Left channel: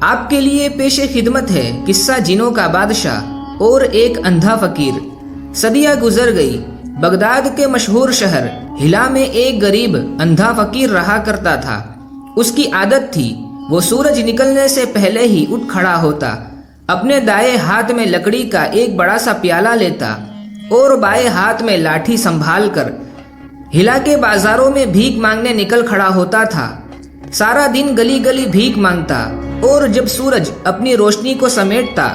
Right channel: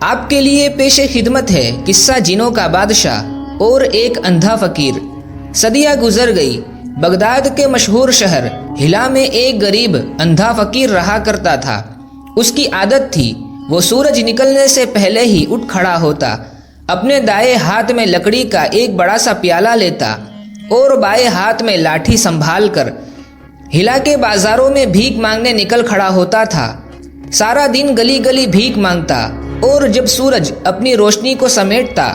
آپ کے لیے پیش خدمت ہے قصہ جنوں کا بادشاہ اور ایک اندھا فقیر۔ صدیاں گزر گئی۔ بغداد کے مشہور شہر ہلا میں ایک غریب اندھا فقیر رہا کرتا تھا۔ اس کی عادت تھی وہ سورج نکلنے سے پہلے ہی اٹھ کھڑا ہوتا، اپنے دائیں ہاتھ میں لکڑی کا ایک بڑا سا پیالہ لیتا اور بائیں ہاتھ میں لاٹھی سنبھال کر ہلا کے بازاروں میں بھیک مانگنے نکل کھڑا ہوتا تھا۔ سارا دن گلی گلی بھیک مانگتا اور جب سورج اپنی روشنی کو سمیٹتا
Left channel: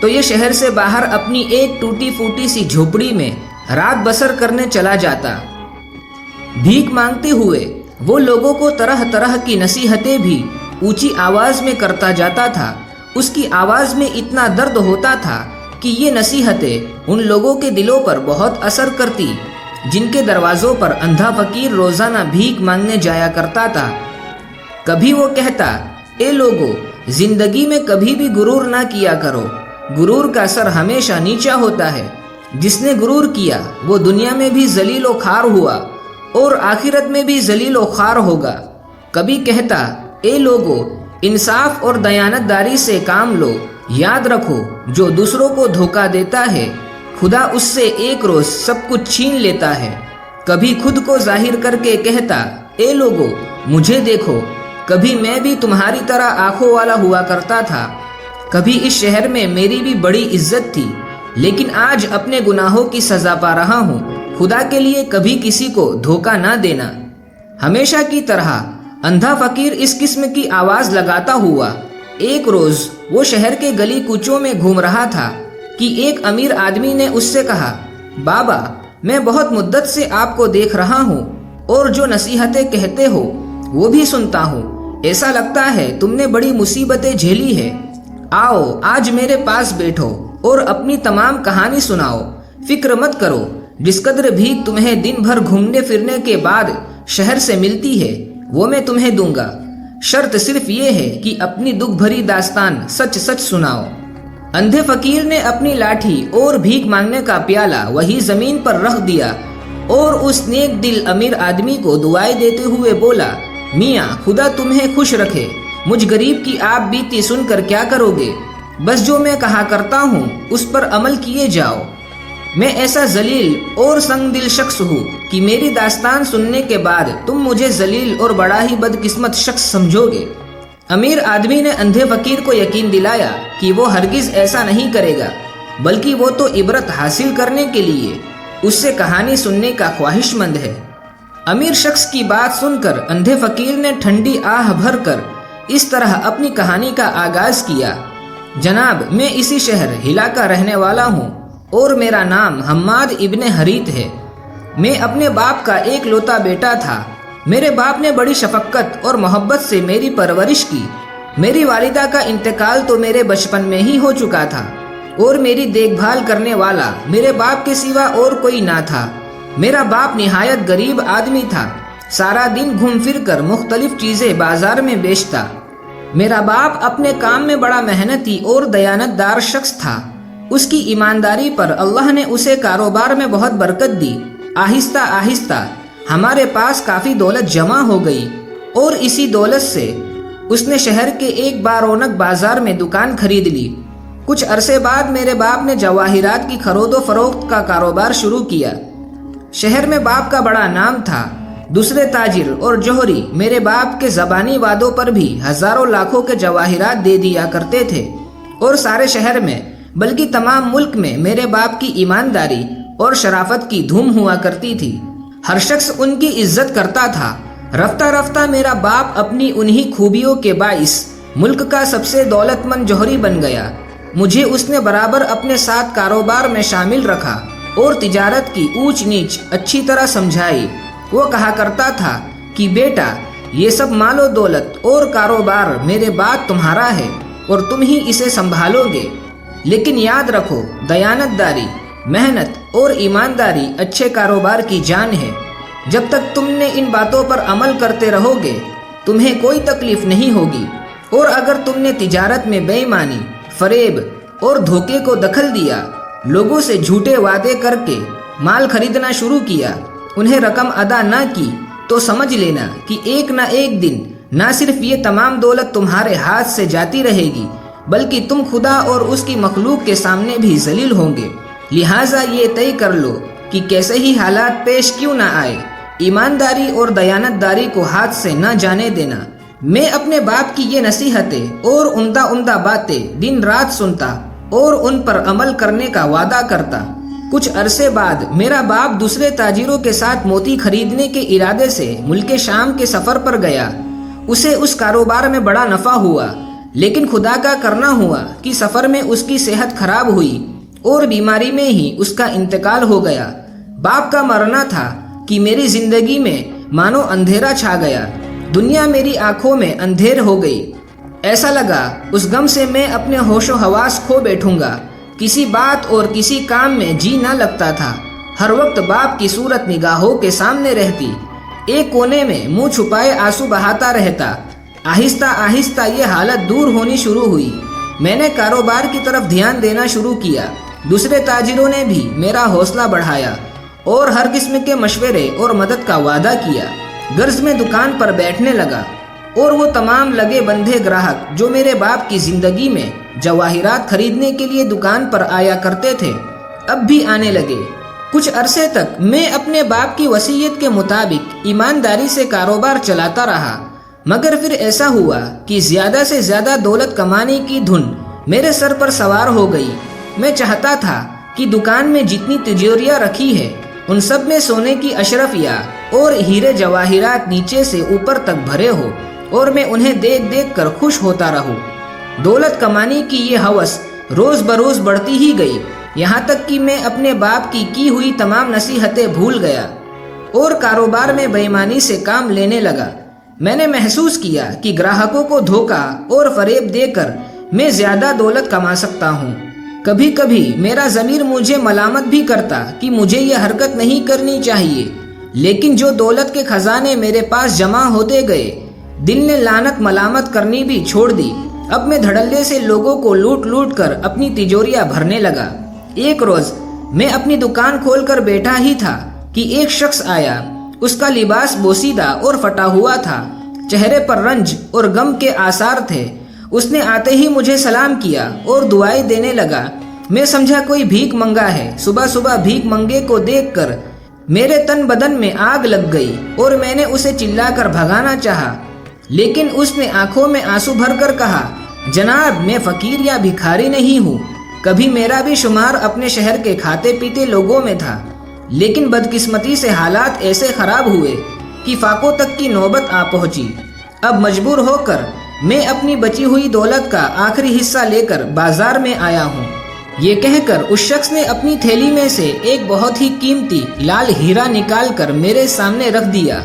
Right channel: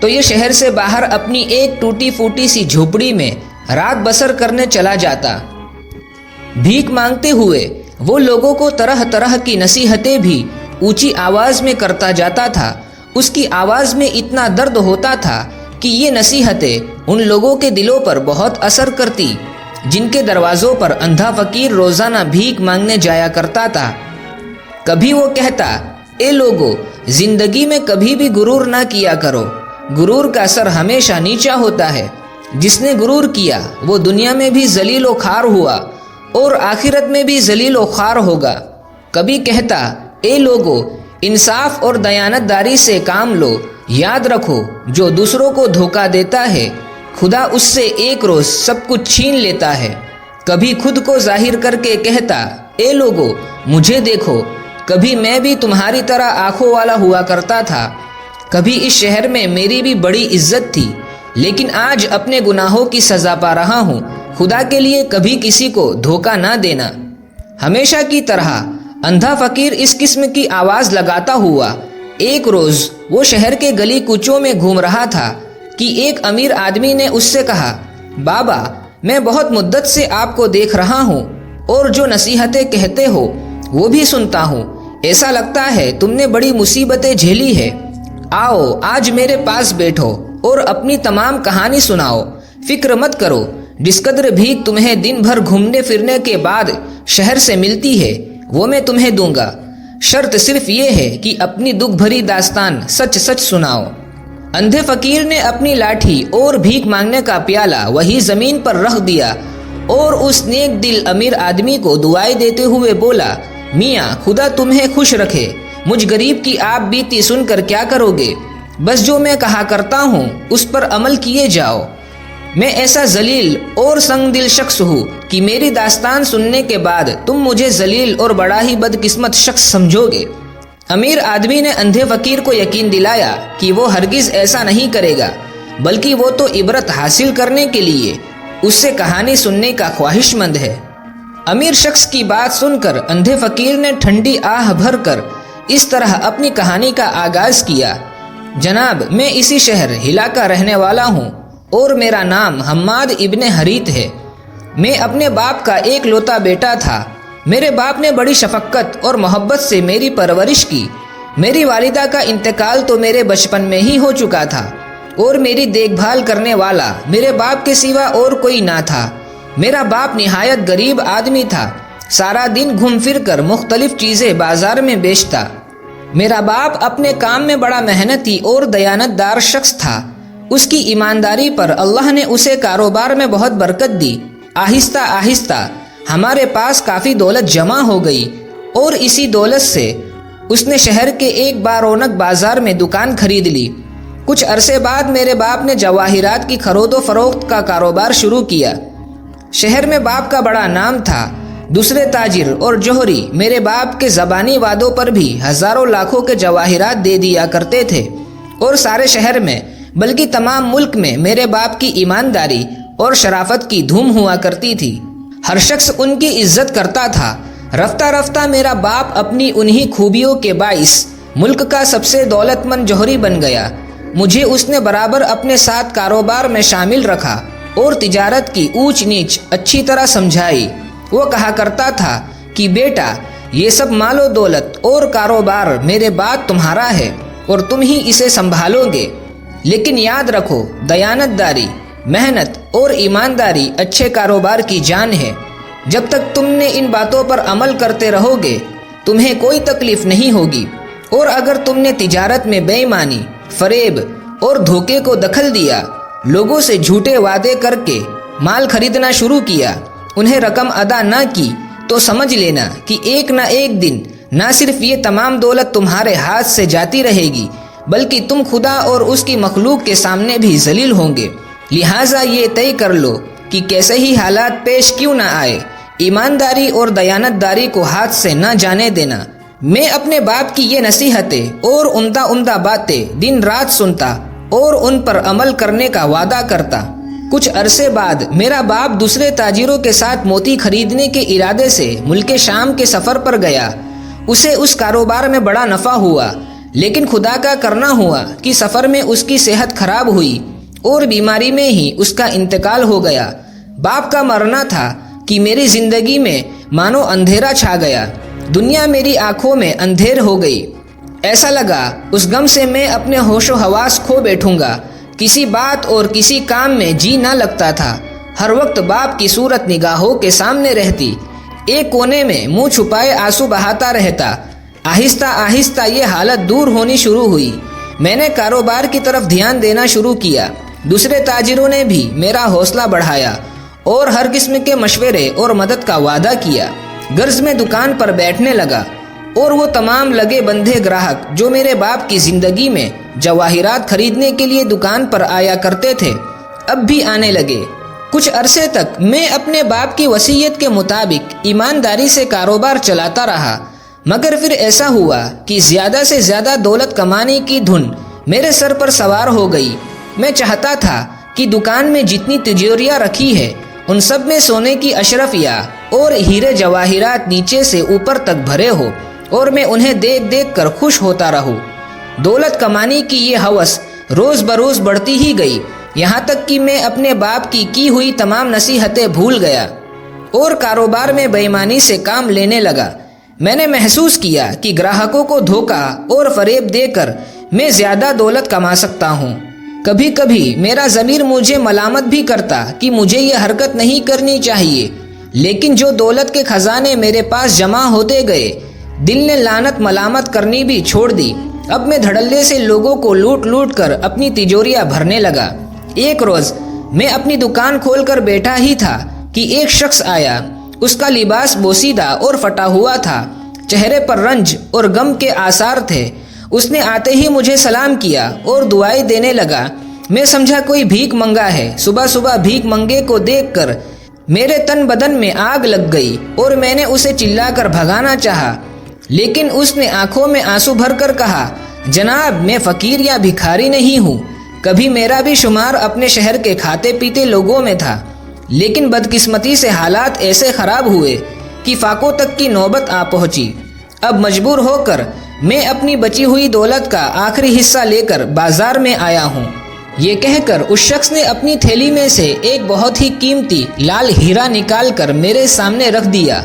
تو یہ شہر سے باہر اپنی ایک ٹوٹی پھوٹی سی جھوپڑی میں رات بسر کرنے چلا جاتا۔ بھیک مانگتے ہوئے وہ لوگوں کو طرح طرح کی نصیحتیں بھی اونچی آواز میں کرتا جاتا تھا۔ اس کی آواز میں اتنا درد ہوتا تھا کہ یہ نصیحتیں ان لوگوں کے دلوں پر بہت اثر کرتی جن کے دروازوں پر اندھا فقیر روزانہ بھیک مانگنے جایا کرتا تھا۔ کبھی وہ کہتا، اے لوگو، زندگی میں کبھی بھی غرور نہ کیا کرو، غرور کا سر ہمیشہ نیچا ہوتا ہے، جس نے غرور کیا وہ دنیا میں بھی ذلیل و خوار ہوا اور آخرت میں بھی ذلیل و خوار ہوگا۔ کبھی کہتا، اے لوگو، انصاف اور دیانت داری سے کام لو، یاد رکھو جو دوسروں کو دھوکہ دیتا ہے خدا اس سے ایک روز سب کچھ چھین لیتا ہے۔ کبھی خود کو ظاہر کر کے کہتا، اے لوگو، مجھے دیکھو، کبھی میں بھی تمہاری طرح آنکھوں والا ہوا کرتا تھا، کبھی اس شہر میں میری بھی بڑی عزت تھی، لیکن آج اپنے گناہوں کی سزا پا رہا ہوں۔ خدا کے لیے کبھی کسی کو دھوکہ نہ دینا۔ ہمیشہ کی طرح اندھا فقیر اس قسم کی آواز لگاتا ہوا ایک روز وہ شہر کے گلی کوچوں میں گھوم رہا تھا کہ ایک امیر آدمی نے اس سے کہا، بابا، میں بہت مدت سے آپ کو دیکھ رہا ہوں اور جو نصیحتیں کہتے ہو وہ بھی سنتا ہوں، ایسا لگتا ہے تم نے بڑی مصیبتیں جھیلی ہے۔ آؤ آج میرے پاس بیٹھو اور اپنی تمام کہانی سناؤ۔ فکر مت کرو، جس قدر بھیک تمہیں دن بھر گھومنے پھرنے کے بعد شہر سے ملتی ہے وہ میں تمہیں دوں گا، شرط صرف یہ ہے کہ اپنی دکھ بھری داستان سچ سچ سناؤ۔ اندھے فقیر نے اپنی لاٹھی اور بھیک مانگنے کا پیالہ وہی زمین پر رکھ دیا اور اس نیک دل امیر آدمی کو دعائیں دیتے ہوئے بولا، میاں خدا تمہیں خوش رکھے، مجھ غریب کی آپ بیتی سن کر کیا کرو گے؟ بس جو میں کہا کرتا ہوں اس پر عمل کیے جاؤ۔ میں ایسا ذلیل اور سنگ دل شخص ہوں کہ میری داستان سننے کے بعد تم مجھے ذلیل اور بڑا ہی بدقسمت شخص سمجھو گے۔ امیر آدمی نے اندھے فقیر کو یقین دلایا کہ وہ ہرگز ایسا نہیں کرے گا، بلکہ وہ تو عبرت حاصل کرنے کے لیے اس سے کہانی سننے کا خواہش مند ہے۔ امیر شخص کی بات سن کر اندھے فقیر نے ٹھنڈی آہ بھر کر اس طرح اپنی کہانی کا آغاز کیا، جناب میں اسی شہر ہلا کا رہنے والا ہوں اور میرا نام حماد ابن حریت ہے۔ میں اپنے باپ کا ایک لوتا بیٹا تھا۔ میرے باپ نے بڑی شفقت اور محبت سے میری پرورش کی۔ میری والدہ کا انتقال تو میرے بچپن میں ہی ہو چکا تھا اور میری دیکھ بھال کرنے والا میرے باپ کے سوا اور کوئی نہ تھا۔ میرا باپ نہایت غریب آدمی تھا، سارا دن گھوم پھر کر مختلف چیزیں بازار میں بیچتا۔ میرا باپ اپنے کام میں بڑا محنتی اور دیانت دار شخص تھا۔ اس کی ایمانداری پر اللہ نے اسے کاروبار میں بہت برکت دی۔ آہستہ آہستہ ہمارے پاس کافی دولت جمع ہو گئی اور اسی دولت سے اس نے شہر کے ایک بارونق بازار میں دکان خرید لی۔ کچھ عرصے بعد میرے باپ نے جواہرات کی خرید و فروخت کا کاروبار شروع کیا۔ شہر میں باپ کا بڑا نام تھا۔ دوسرے تاجر اور جوہری میرے باپ کے زبانی وعدوں پر بھی ہزاروں لاکھوں کے جواہرات دے دیا کرتے تھے اور سارے شہر میں بلکہ تمام ملک میں میرے باپ کی ایمانداری اور شرافت کی دھوم ہوا کرتی تھی۔ ہر شخص ان کی عزت کرتا تھا۔ رفتہ رفتہ میرا باپ اپنی انہی خوبیوں کے باعث ملک کا سب سے دولت مند جوہری بن گیا۔ مجھے اس نے برابر اپنے ساتھ کاروبار میں شامل رکھا اور تجارت کی اونچ نیچ اچھی طرح سمجھائی۔ وہ کہا کرتا تھا کہ بیٹا، یہ سب مال و دولت اور کاروبار میرے بعد تمہارا ہے اور تم ہی اسے سنبھالو گے، لیکن یاد رکھو دیانت داری، محنت اور ایمانداری اچھے کاروبار کی جان ہے۔ جب تک تم نے ان باتوں پر عمل کرتے رہو گے تمہیں کوئی تکلیف نہیں ہوگی، اور اگر تم نے تجارت میں بے ایمانی، فریب اور دھوکے کو دخل دیا، لوگوں سے جھوٹے وعدے کر کے مال خریدنا شروع کیا، انہیں رقم ادا نہ کی، تو سمجھ لینا کہ ایک نہ ایک دن نہ صرف یہ تمام دولت تمہارے ہاتھ سے جاتی رہے گی بلکہ تم خدا اور اس کی مخلوق کے سامنے بھی ذلیل ہوں گے۔ لہٰذا یہ طے کر لو کہ کیسے ہی حالات پیش کیوں نہ آئے، ایمانداری اور دیانتداری کو ہاتھ سے نہ جانے دینا۔ میں اپنے باپ کی یہ نصیحتیں اور عمدہ باتیں دن رات سنتا اور ان پر عمل کرنے کا وعدہ کرتا۔ کچھ عرصے بعد میرا باپ دوسرے تاجروں کے ساتھ موتی خریدنے کے ارادے سے ملک شام کے سفر پر گیا۔ اسے اس کاروبار میں بڑا نفع ہوا، لیکن خدا کا کرنا ہوا کہ سفر میں اس کی صحت خراب ہوئی اور بیماری میں ہی اس کا انتقال ہو گیا۔ باپ کا مرنا تھا کہ میری زندگی میں مانو اندھیرا چھا گیا، دنیا میری آنکھوں میں اندھیر ہو گئی۔ ایسا لگا اس غم سے میں اپنے ہوش و حواس کھو بیٹھوں گا، کسی بات اور کسی کام میں جی نہ لگتا تھا۔ ہر وقت باپ کی صورت نگاہوں کے سامنے رہتی، ایک کونے میں منہ چھپائے آنسو بہاتا رہتا۔ آہستہ آہستہ یہ حالت دور ہونی شروع ہوئی۔ میں نے کاروبار کی طرف دھیان دینا شروع کیا۔ دوسرے تاجروں نے بھی میرا حوصلہ بڑھایا اور ہر قسم کے مشورے اور مدد کا وعدہ کیا۔ غرض میں دکان پر بیٹھنے لگا اور وہ تمام لگے بندھے گراہک جو میرے باپ کی زندگی میں جواہرات خریدنے کے لیے دکان پر آیا کرتے تھے اب بھی آنے لگے۔ کچھ عرصے تک میں اپنے باپ کی وصیت کے مطابق ایمانداری سے کاروبار چلاتا رہا، مگر پھر ایسا ہوا کہ زیادہ سے زیادہ دولت کمانے کی دھن میرے سر پر سوار ہو گئی۔ میں چاہتا تھا کہ دکان میں جتنی تجوریاں رکھی ہے ان سب میں سونے کی اشرفیاں اور ہیرے جواہرات نیچے سے اوپر تک بھرے ہو اور میں انہیں دیکھ دیکھ کر خوش ہوتا رہوں۔ دولت کمانے کی یہ ہوس روز بروز بڑھتی ہی گئی، یہاں تک کہ میں اپنے باپ کی ہوئی تمام نصیحتیں بھول گیا اور کاروبار میں بے ایمانی سے کام لینے لگا۔ میں نے محسوس کیا کہ گراہکوں کو دھوکہ اور فریب دے کر میں زیادہ دولت کما سکتا ہوں۔ کبھی کبھی میرا ضمیر مجھے ملامت بھی کرتا کہ مجھے یہ حرکت نہیں کرنی چاہیے، لیکن جو دولت کے خزانے میرے پاس جمع ہوتے گئے، دل نے لعنت ملامت کرنی بھی چھوڑ دی۔ اب میں دھڑلے سے لوگوں کو لوٹ لوٹ کر اپنی تجوریاں بھرنے لگا۔ ایک روز میں اپنی دکان کھول کر بیٹھا ہی تھا کہ ایک شخص آیا۔ اس کا لباس بوسیدہ اور پھٹا ہوا تھا، چہرے پر رنج اور غم کے آثار تھے۔ اس نے آتے ہی مجھے سلام کیا اور دعائیں دینے لگا۔ میں سمجھا کوئی بھیک منگا ہے۔ صبح صبح بھیک منگے کو دیکھ کر میرے تن بدن میں آگ لگ گئی اور میں نے اسے چلا کر بھگانا چاہا، لیکن اس نے آنکھوں میں آنسو بھر کر کہا، جناب میں فقیر یا بھکاری نہیں ہوں، کبھی میرا بھی شمار اپنے شہر کے کھاتے پیتے لوگوں میں تھا، لیکن بدقسمتی سے حالات ایسے خراب ہوئے کہ فاقوں تک کی نوبت آ پہنچی۔ اب مجبور ہو کر میں اپنی بچی ہوئی دولت کا آخری حصہ لے کر بازار میں آیا ہوں۔ یہ کہہ کر اس شخص نے اپنی تھیلی میں سے ایک بہت ہی قیمتی لال ہیرا نکال کر میرے سامنے رکھ دیا۔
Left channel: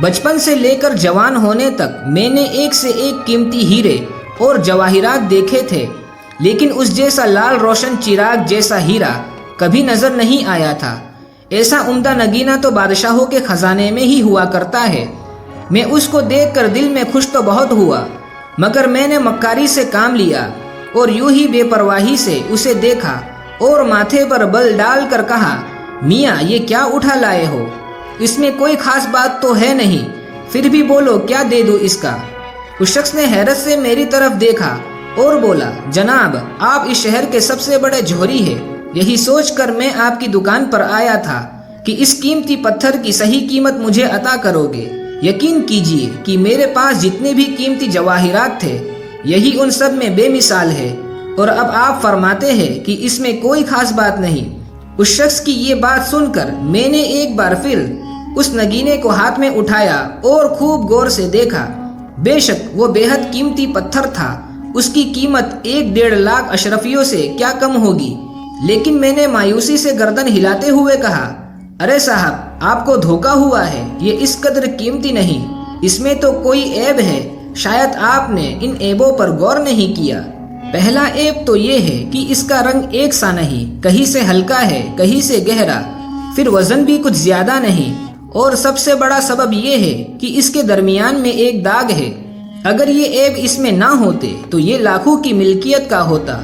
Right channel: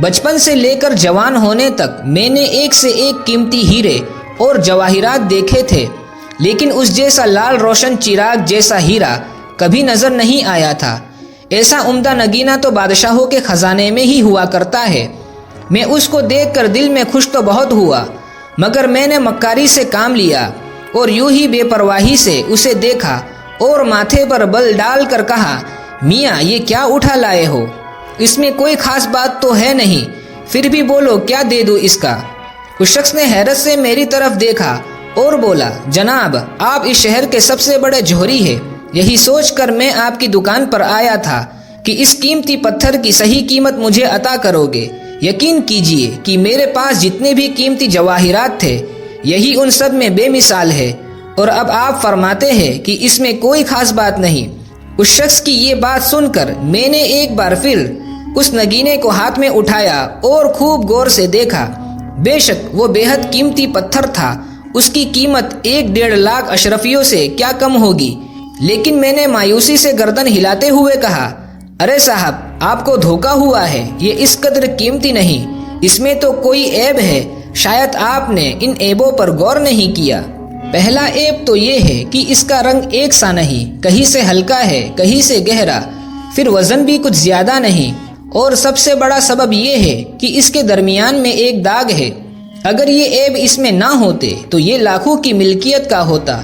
بچپن سے لے کر جوان ہونے تک میں نے ایک سے ایک قیمتی ہیرے اور جواہرات دیکھے تھے، لیکن اس جیسا لال روشن چراغ جیسا ہیرا کبھی نظر نہیں آیا تھا۔ ایسا عمدہ نگینہ تو بادشاہوں کے خزانے میں ہی ہوا کرتا ہے۔ میں اس کو دیکھ کر دل میں خوش تو بہت ہوا، مگر میں نے مکاری سے کام لیا اور یوں ہی بے پرواہی سے اسے دیکھا اور ماتھے پر بل ڈال کر کہا، میاں یہ کیا اٹھا لائے ہو؟ اس میں کوئی خاص بات تو ہے نہیں، پھر بھی بولو کیا دے دوں اس کا؟ اس شخص نے حیرت سے میری طرف دیکھا اور بولا، جناب آپ اس شہر کے سب سے بڑے جوہری ہیں، یہی سوچ کر میں آپ کی دکان پر آیا تھا کہ اس قیمتی پتھر کی صحیح قیمت مجھے عطا کرو گے۔ یقین کیجئے کہ میرے پاس جتنے بھی قیمتی جواہرات تھے یہی ان سب میں بے مثال ہے، اور اب آپ فرماتے ہیں کہ اس میں کوئی خاص بات نہیں۔ اس شخص کی یہ بات سن کر میں نے ایک بار پھر اس نگینے کو ہاتھ میں اٹھایا اور خوب غور سے دیکھا۔ بے شک وہ بے حد قیمتی پتھر تھا، اس کی قیمت 1.5 لاکھ اشرفیوں سے کیا کم ہوگی، لیکن میں نے مایوسی سے گردن ہلاتے ہوئے کہا، ارے صاحب آپ کو دھوکا ہوا ہے، یہ اس قدر قیمتی نہیں، اس میں تو کوئی عیب ہے، شاید آپ نے ان عیبوں پر غور نہیں کیا۔ پہلا عیب تو یہ ہے کہ اس کا رنگ ایک سا نہیں، کہیں سے ہلکا ہے کہیں سے گہرا، پھر وزن بھی کچھ زیادہ نہیں، اور سب سے بڑا سبب یہ ہے کہ اس کے درمیان میں ایک داغ ہے۔ اگر یہ عیب اس میں نہ ہوتے تو یہ لاکھوں کی ملکیت کا ہوتا۔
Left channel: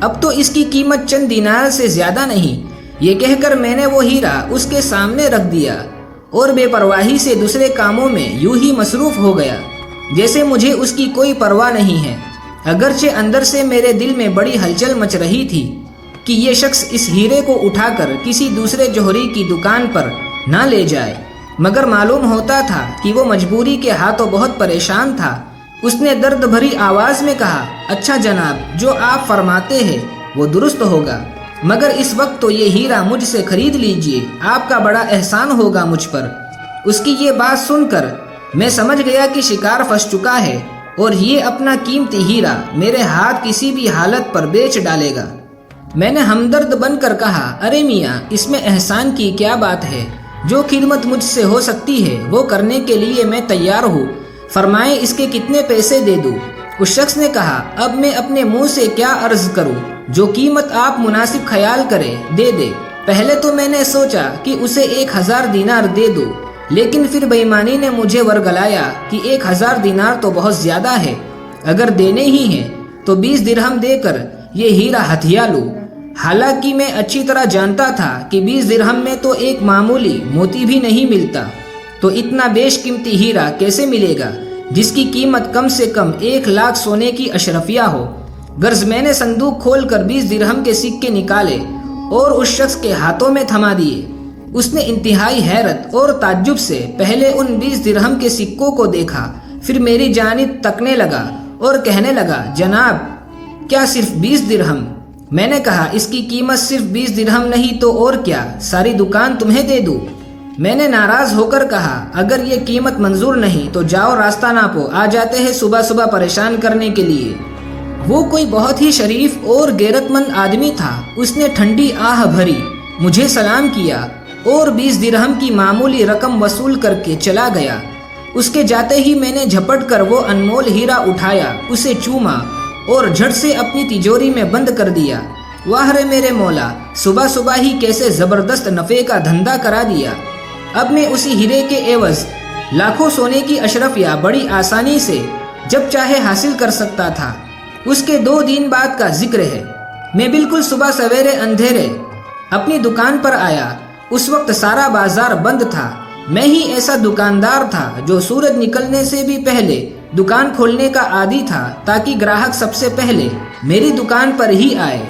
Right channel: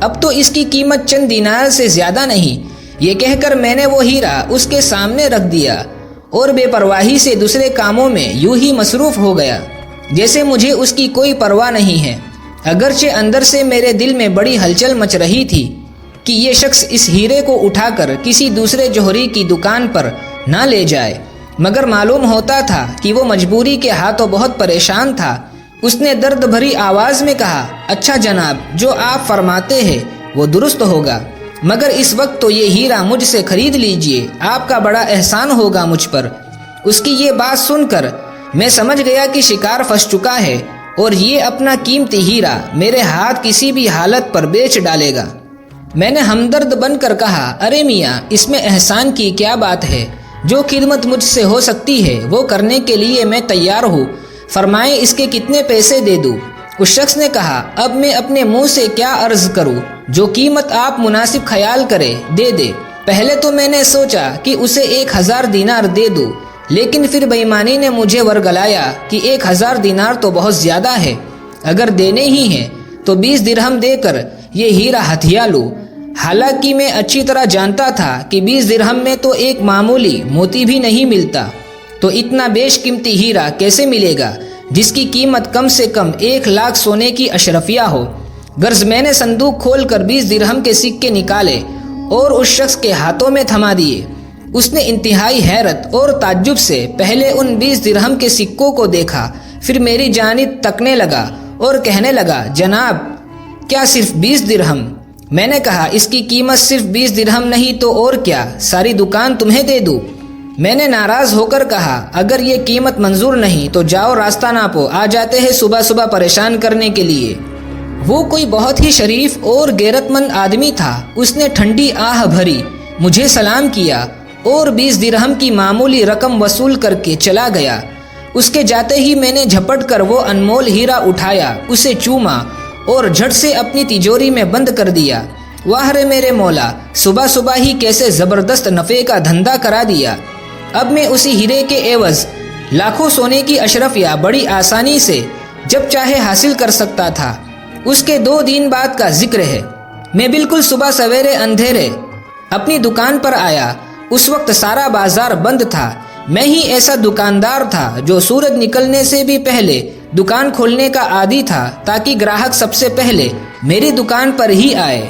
اب تو اس کی قیمت چند دینار سے زیادہ نہیں۔ یہ کہہ کر میں نے وہ ہیرا اس کے سامنے رکھ دیا اور بے پرواہی سے دوسرے کاموں میں یوں ہی مصروف ہو گیا۔ جیسے مجھے اس کی کوئی پرواہ نہیں ہے، اگرچہ اندر سے میرے دل میں بڑی ہلچل مچ رہی تھی کہ یہ شخص اس ہیرے کو اٹھا کر کسی دوسرے جوہری کی دکان پر نہ لے جائے، مگر معلوم ہوتا تھا کہ وہ مجبوری کے ہاتھوں بہت پریشان تھا۔ اس نے درد بھری آواز میں کہا، اچھا جناب، جو آپ فرماتے ہیں وہ درست ہوگا، مگر اس وقت تو یہ ہیرا مجھ سے خرید لیجئے، آپ کا بڑا احسان ہوگا مجھ پر۔ اس کی یہ بات سن کر میں سمجھ گیا کہ شکار پھنس چکا ہے اور یہ اپنا قیمتی ہیرا میرے ہاتھ کسی بھی حالت پر بیچ ڈالے گا۔ میں نے ہمدرد بن کر کہا، ارے میاں، اس میں احسان کی کیا بات ہے؟ جو خدمت مجھ سے ہو سکتی ہے وہ کرنے کے لیے میں تیار ہوں، فرمائیں اس کے کتنے پیسے دے دوں؟ اس شخص نے کہا، اب میں اپنے منہ سے کیا عرض کروں، جو قیمت آپ مناسب خیال کرے دے دے۔ پہلے تو میں نے سوچا کہ اسے 1000 دینار دے دوں، لیکن پھر بے ایمانی نے مجھے ورگلایا کہ 1000 دینار تو بہت زیادہ ہے، اگر دینے ہی ہیں تو 20 درہم دے کر یہ ہیرا ہتھیا لوں۔ حالانکہ میں اچھی طرح جانتا تھا کہ 20 درہم میں تو ایک معمولی موتی بھی نہیں ملتا، تو اتنا بیش قیمتی ہیرا کیسے ملے گا جس کی قیمت کم سے کم 1 لاکھ سونے کی اشرفیہ ہو؟ غرض میں نے صندوق کھول کر 20 درہم کے سکے نکالے اور اس شخص کے ہاتھوں میں تھما دیے۔ اس نے انتہائی حیرت اور تعجب سے پہلے ان 20 درہم کے سکوں کو دیکھا، پھر میری جانب تکنے لگا اور کہنے لگا، جناب، کیا صرف 20 درہم؟ میں نے کہا، اس کی قیمت صرف 20 درہم نہیں تو اور کیا، ساری دکان تمہیں دے دوں۔ میں نے ناراض ہو کر کہا، اگر یہ قیمت منظور نہیں تو جاؤ، راستہ ناپو، آ جاتے ہیں صبح صبح پریشان کرنے کے لیے۔ وہ کوئی بہت ہی شریف اور غیرت مند آدمی تھا۔ اس نے ٹھنڈی آہ بھری، مجھے سلام کیا اور 20 درہم کی معمولی رقم وصول کر کے چلا گیا۔ اس کے جاتے ہی میں نے جھپٹ کر وہ انمول ہیرا اٹھایا، اسے چوما اور جھٹ سے اپنی تجوری میں بند کر دیا۔ واہ رے میرے مولا، صبح صبح ہی کیسے زبردست نفع کا دھندا کرا دیا۔ اب میں اسی ہیرے کے عوض لاکھوں سونے کی اشرفیہ بڑی آسانی سے جب چاہے حاصل کر سکتا تھا۔ اس کے 2 دن بعد کا ذکر ہے، میں بالکل صبح سویرے اندھیرے اپنی دکان پر آیا۔ اس وقت سارا بازار بند تھا۔ میں ہی ایسا دکاندار تھا جو سورج نکلنے سے بھی پہلے دکان کھولنے کا عادی تھا، تاکہ گراہک سب سے پہلے میری دکان پر ہی آئے۔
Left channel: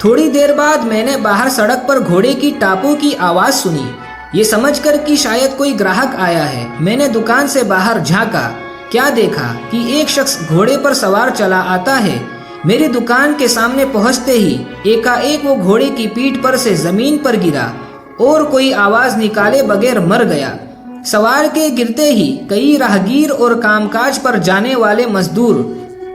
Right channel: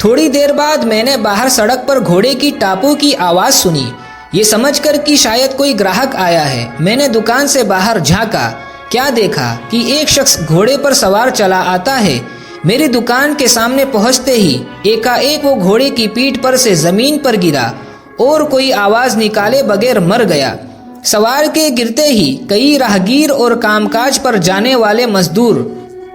تھوڑی دیر بعد میں نے باہر سڑک پر گھوڑے کی ٹاپوں کی آواز سنی۔ یہ سمجھ کر کہ شاید کوئی گراہک آیا ہے، میں نے دکان سے باہر جھانکا۔ کیا دیکھا کہ ایک شخص گھوڑے پر سوار چلا آتا ہے۔ میری دکان کے سامنے پہنچتے ہی ایک وہ گھوڑے کی پیٹھ پر سے زمین پر گرا اور کوئی آواز نکالے بغیر مر گیا۔ سوار کے گرتے ہی کئی راہگیر اور کام کاج پر جانے والے مزدور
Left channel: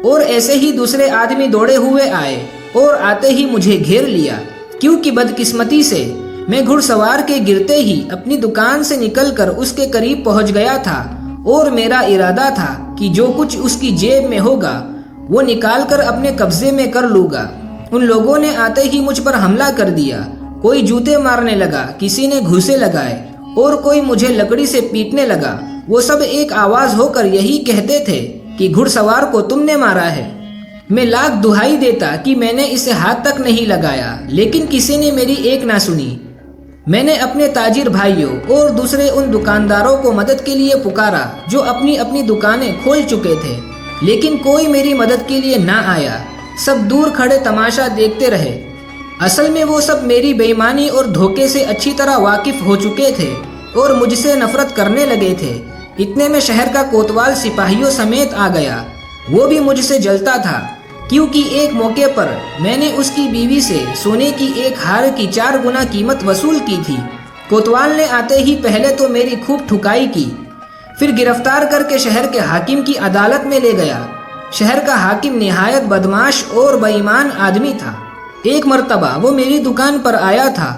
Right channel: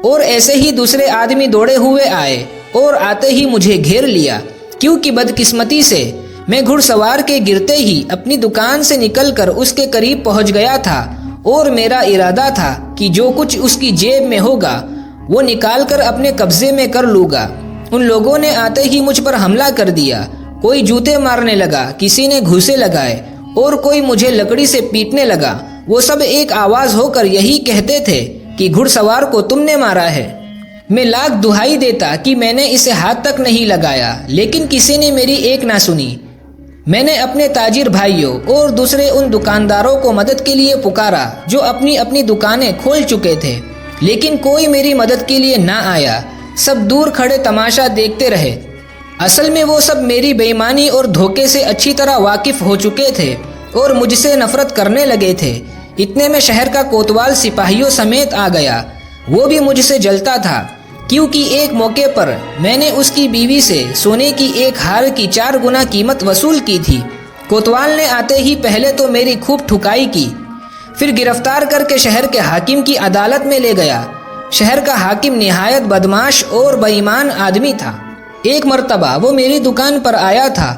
اور ایسے ہی دوسرے آدمی دوڑے ہوئے آئے اور آتے ہی مجھے گھیر لیا، کیونکہ بدقسمتی سے میں گھڑ سوار کے گرتے ہی اپنی دکان سے نکل کر اس کے قریب پہنچ گیا تھا اور میرا ارادہ تھا کہ جو کچھ اس کی جیب میں ہوگا وہ نکال کر اپنے قبضے میں کر لوں گا۔ ان لوگوں نے آتے ہی مجھ پر حملہ کر دیا۔ کوئی جوتے مارنے لگا، کسی نے گھوسے لگائے اور کوئی مجھے لکڑی سے پیٹنے لگا۔ وہ سب ایک آواز ہو کر یہی کہتے تھے کہ گھڑ سوار کو تم نے مارا ہے۔ میں لاکھ دہائی دیتا کہ میں نے اسے ہاتھ تک نہیں لگایا، لیکن کسی نے میری ایک نہ سنی۔ میں نے اپنے تاجر بھائیوں اور دوسرے ان دکانداروں کو مدد کے لیے پکارا جو اپنی اپنی دکانیں کھول چکے تھے، لیکن کوئی میری مدد کے لیے نہ آیا۔ سب دور کھڑے تماشا دیکھتے رہے۔ اصل میں وہ سب میری بے ایمانی اور دھوکے سے اچھی طرح واقف ہو چکے تھے اور مجھ سے نفرت کرنے لگے تھے۔ اتنے میں شہر کا کوتوال سپاہیوں سمیت آ گیا۔ وہ بھی مجھ سے جلتا تھا، کیونکہ ایک موقع پر میں نے اس کی بیوی سے سونے کی ایک ہار کی 4 گنا قیمت وصول کی تھی۔ کوتوال نے آتے ہی پہلے تو میری خوب ٹھکائی کی، پھر گرفتار کر کے شہر کے حاکم کی عدالت میں لے گیا۔ شہر کا حاکم نہایت بدمعاش اور بے ایمان آدمی تھا۔ ایک مرتبہ وہ میری دکان پر آیا تھا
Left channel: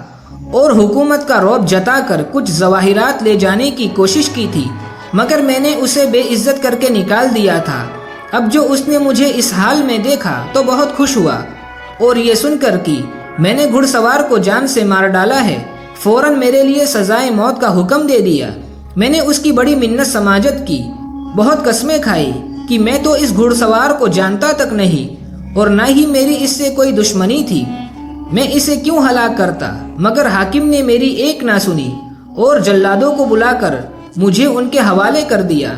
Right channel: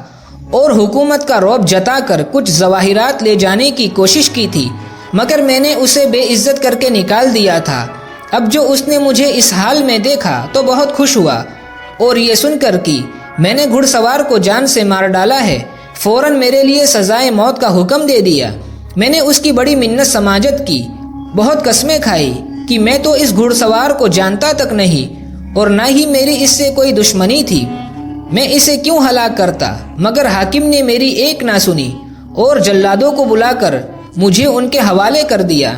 اور حکومت کا رعب جتا کر کچھ ظواہرات لے جانے کی کوشش کی تھی، مگر میں نے اسے بے عزت کر کے نکال دیا تھا۔ اب جو اس نے مجھے اس حال میں دیکھا تو بہت خوش ہوا اور یہ سن کر کہ میں نے گھڑ سوار کو جان سے مار ڈالا ہے، فوراً میرے لیے سزائے موت کا حکم دے دیا۔ میں نے اس کی بڑی منت سماجت کی، بہت قسمیں کھائی کہ میں تو اس گھڑ سوار کو جانتا تک نہیں اور نہ ہی میری اس سے کوئی دشمنی تھی، میں اسے کیوں ہلاک کرتا، مگر حاکم نے میری ایک نہ سنی اور جلادوں کو بلا کر مجھے ان کے حوالے کر دیا۔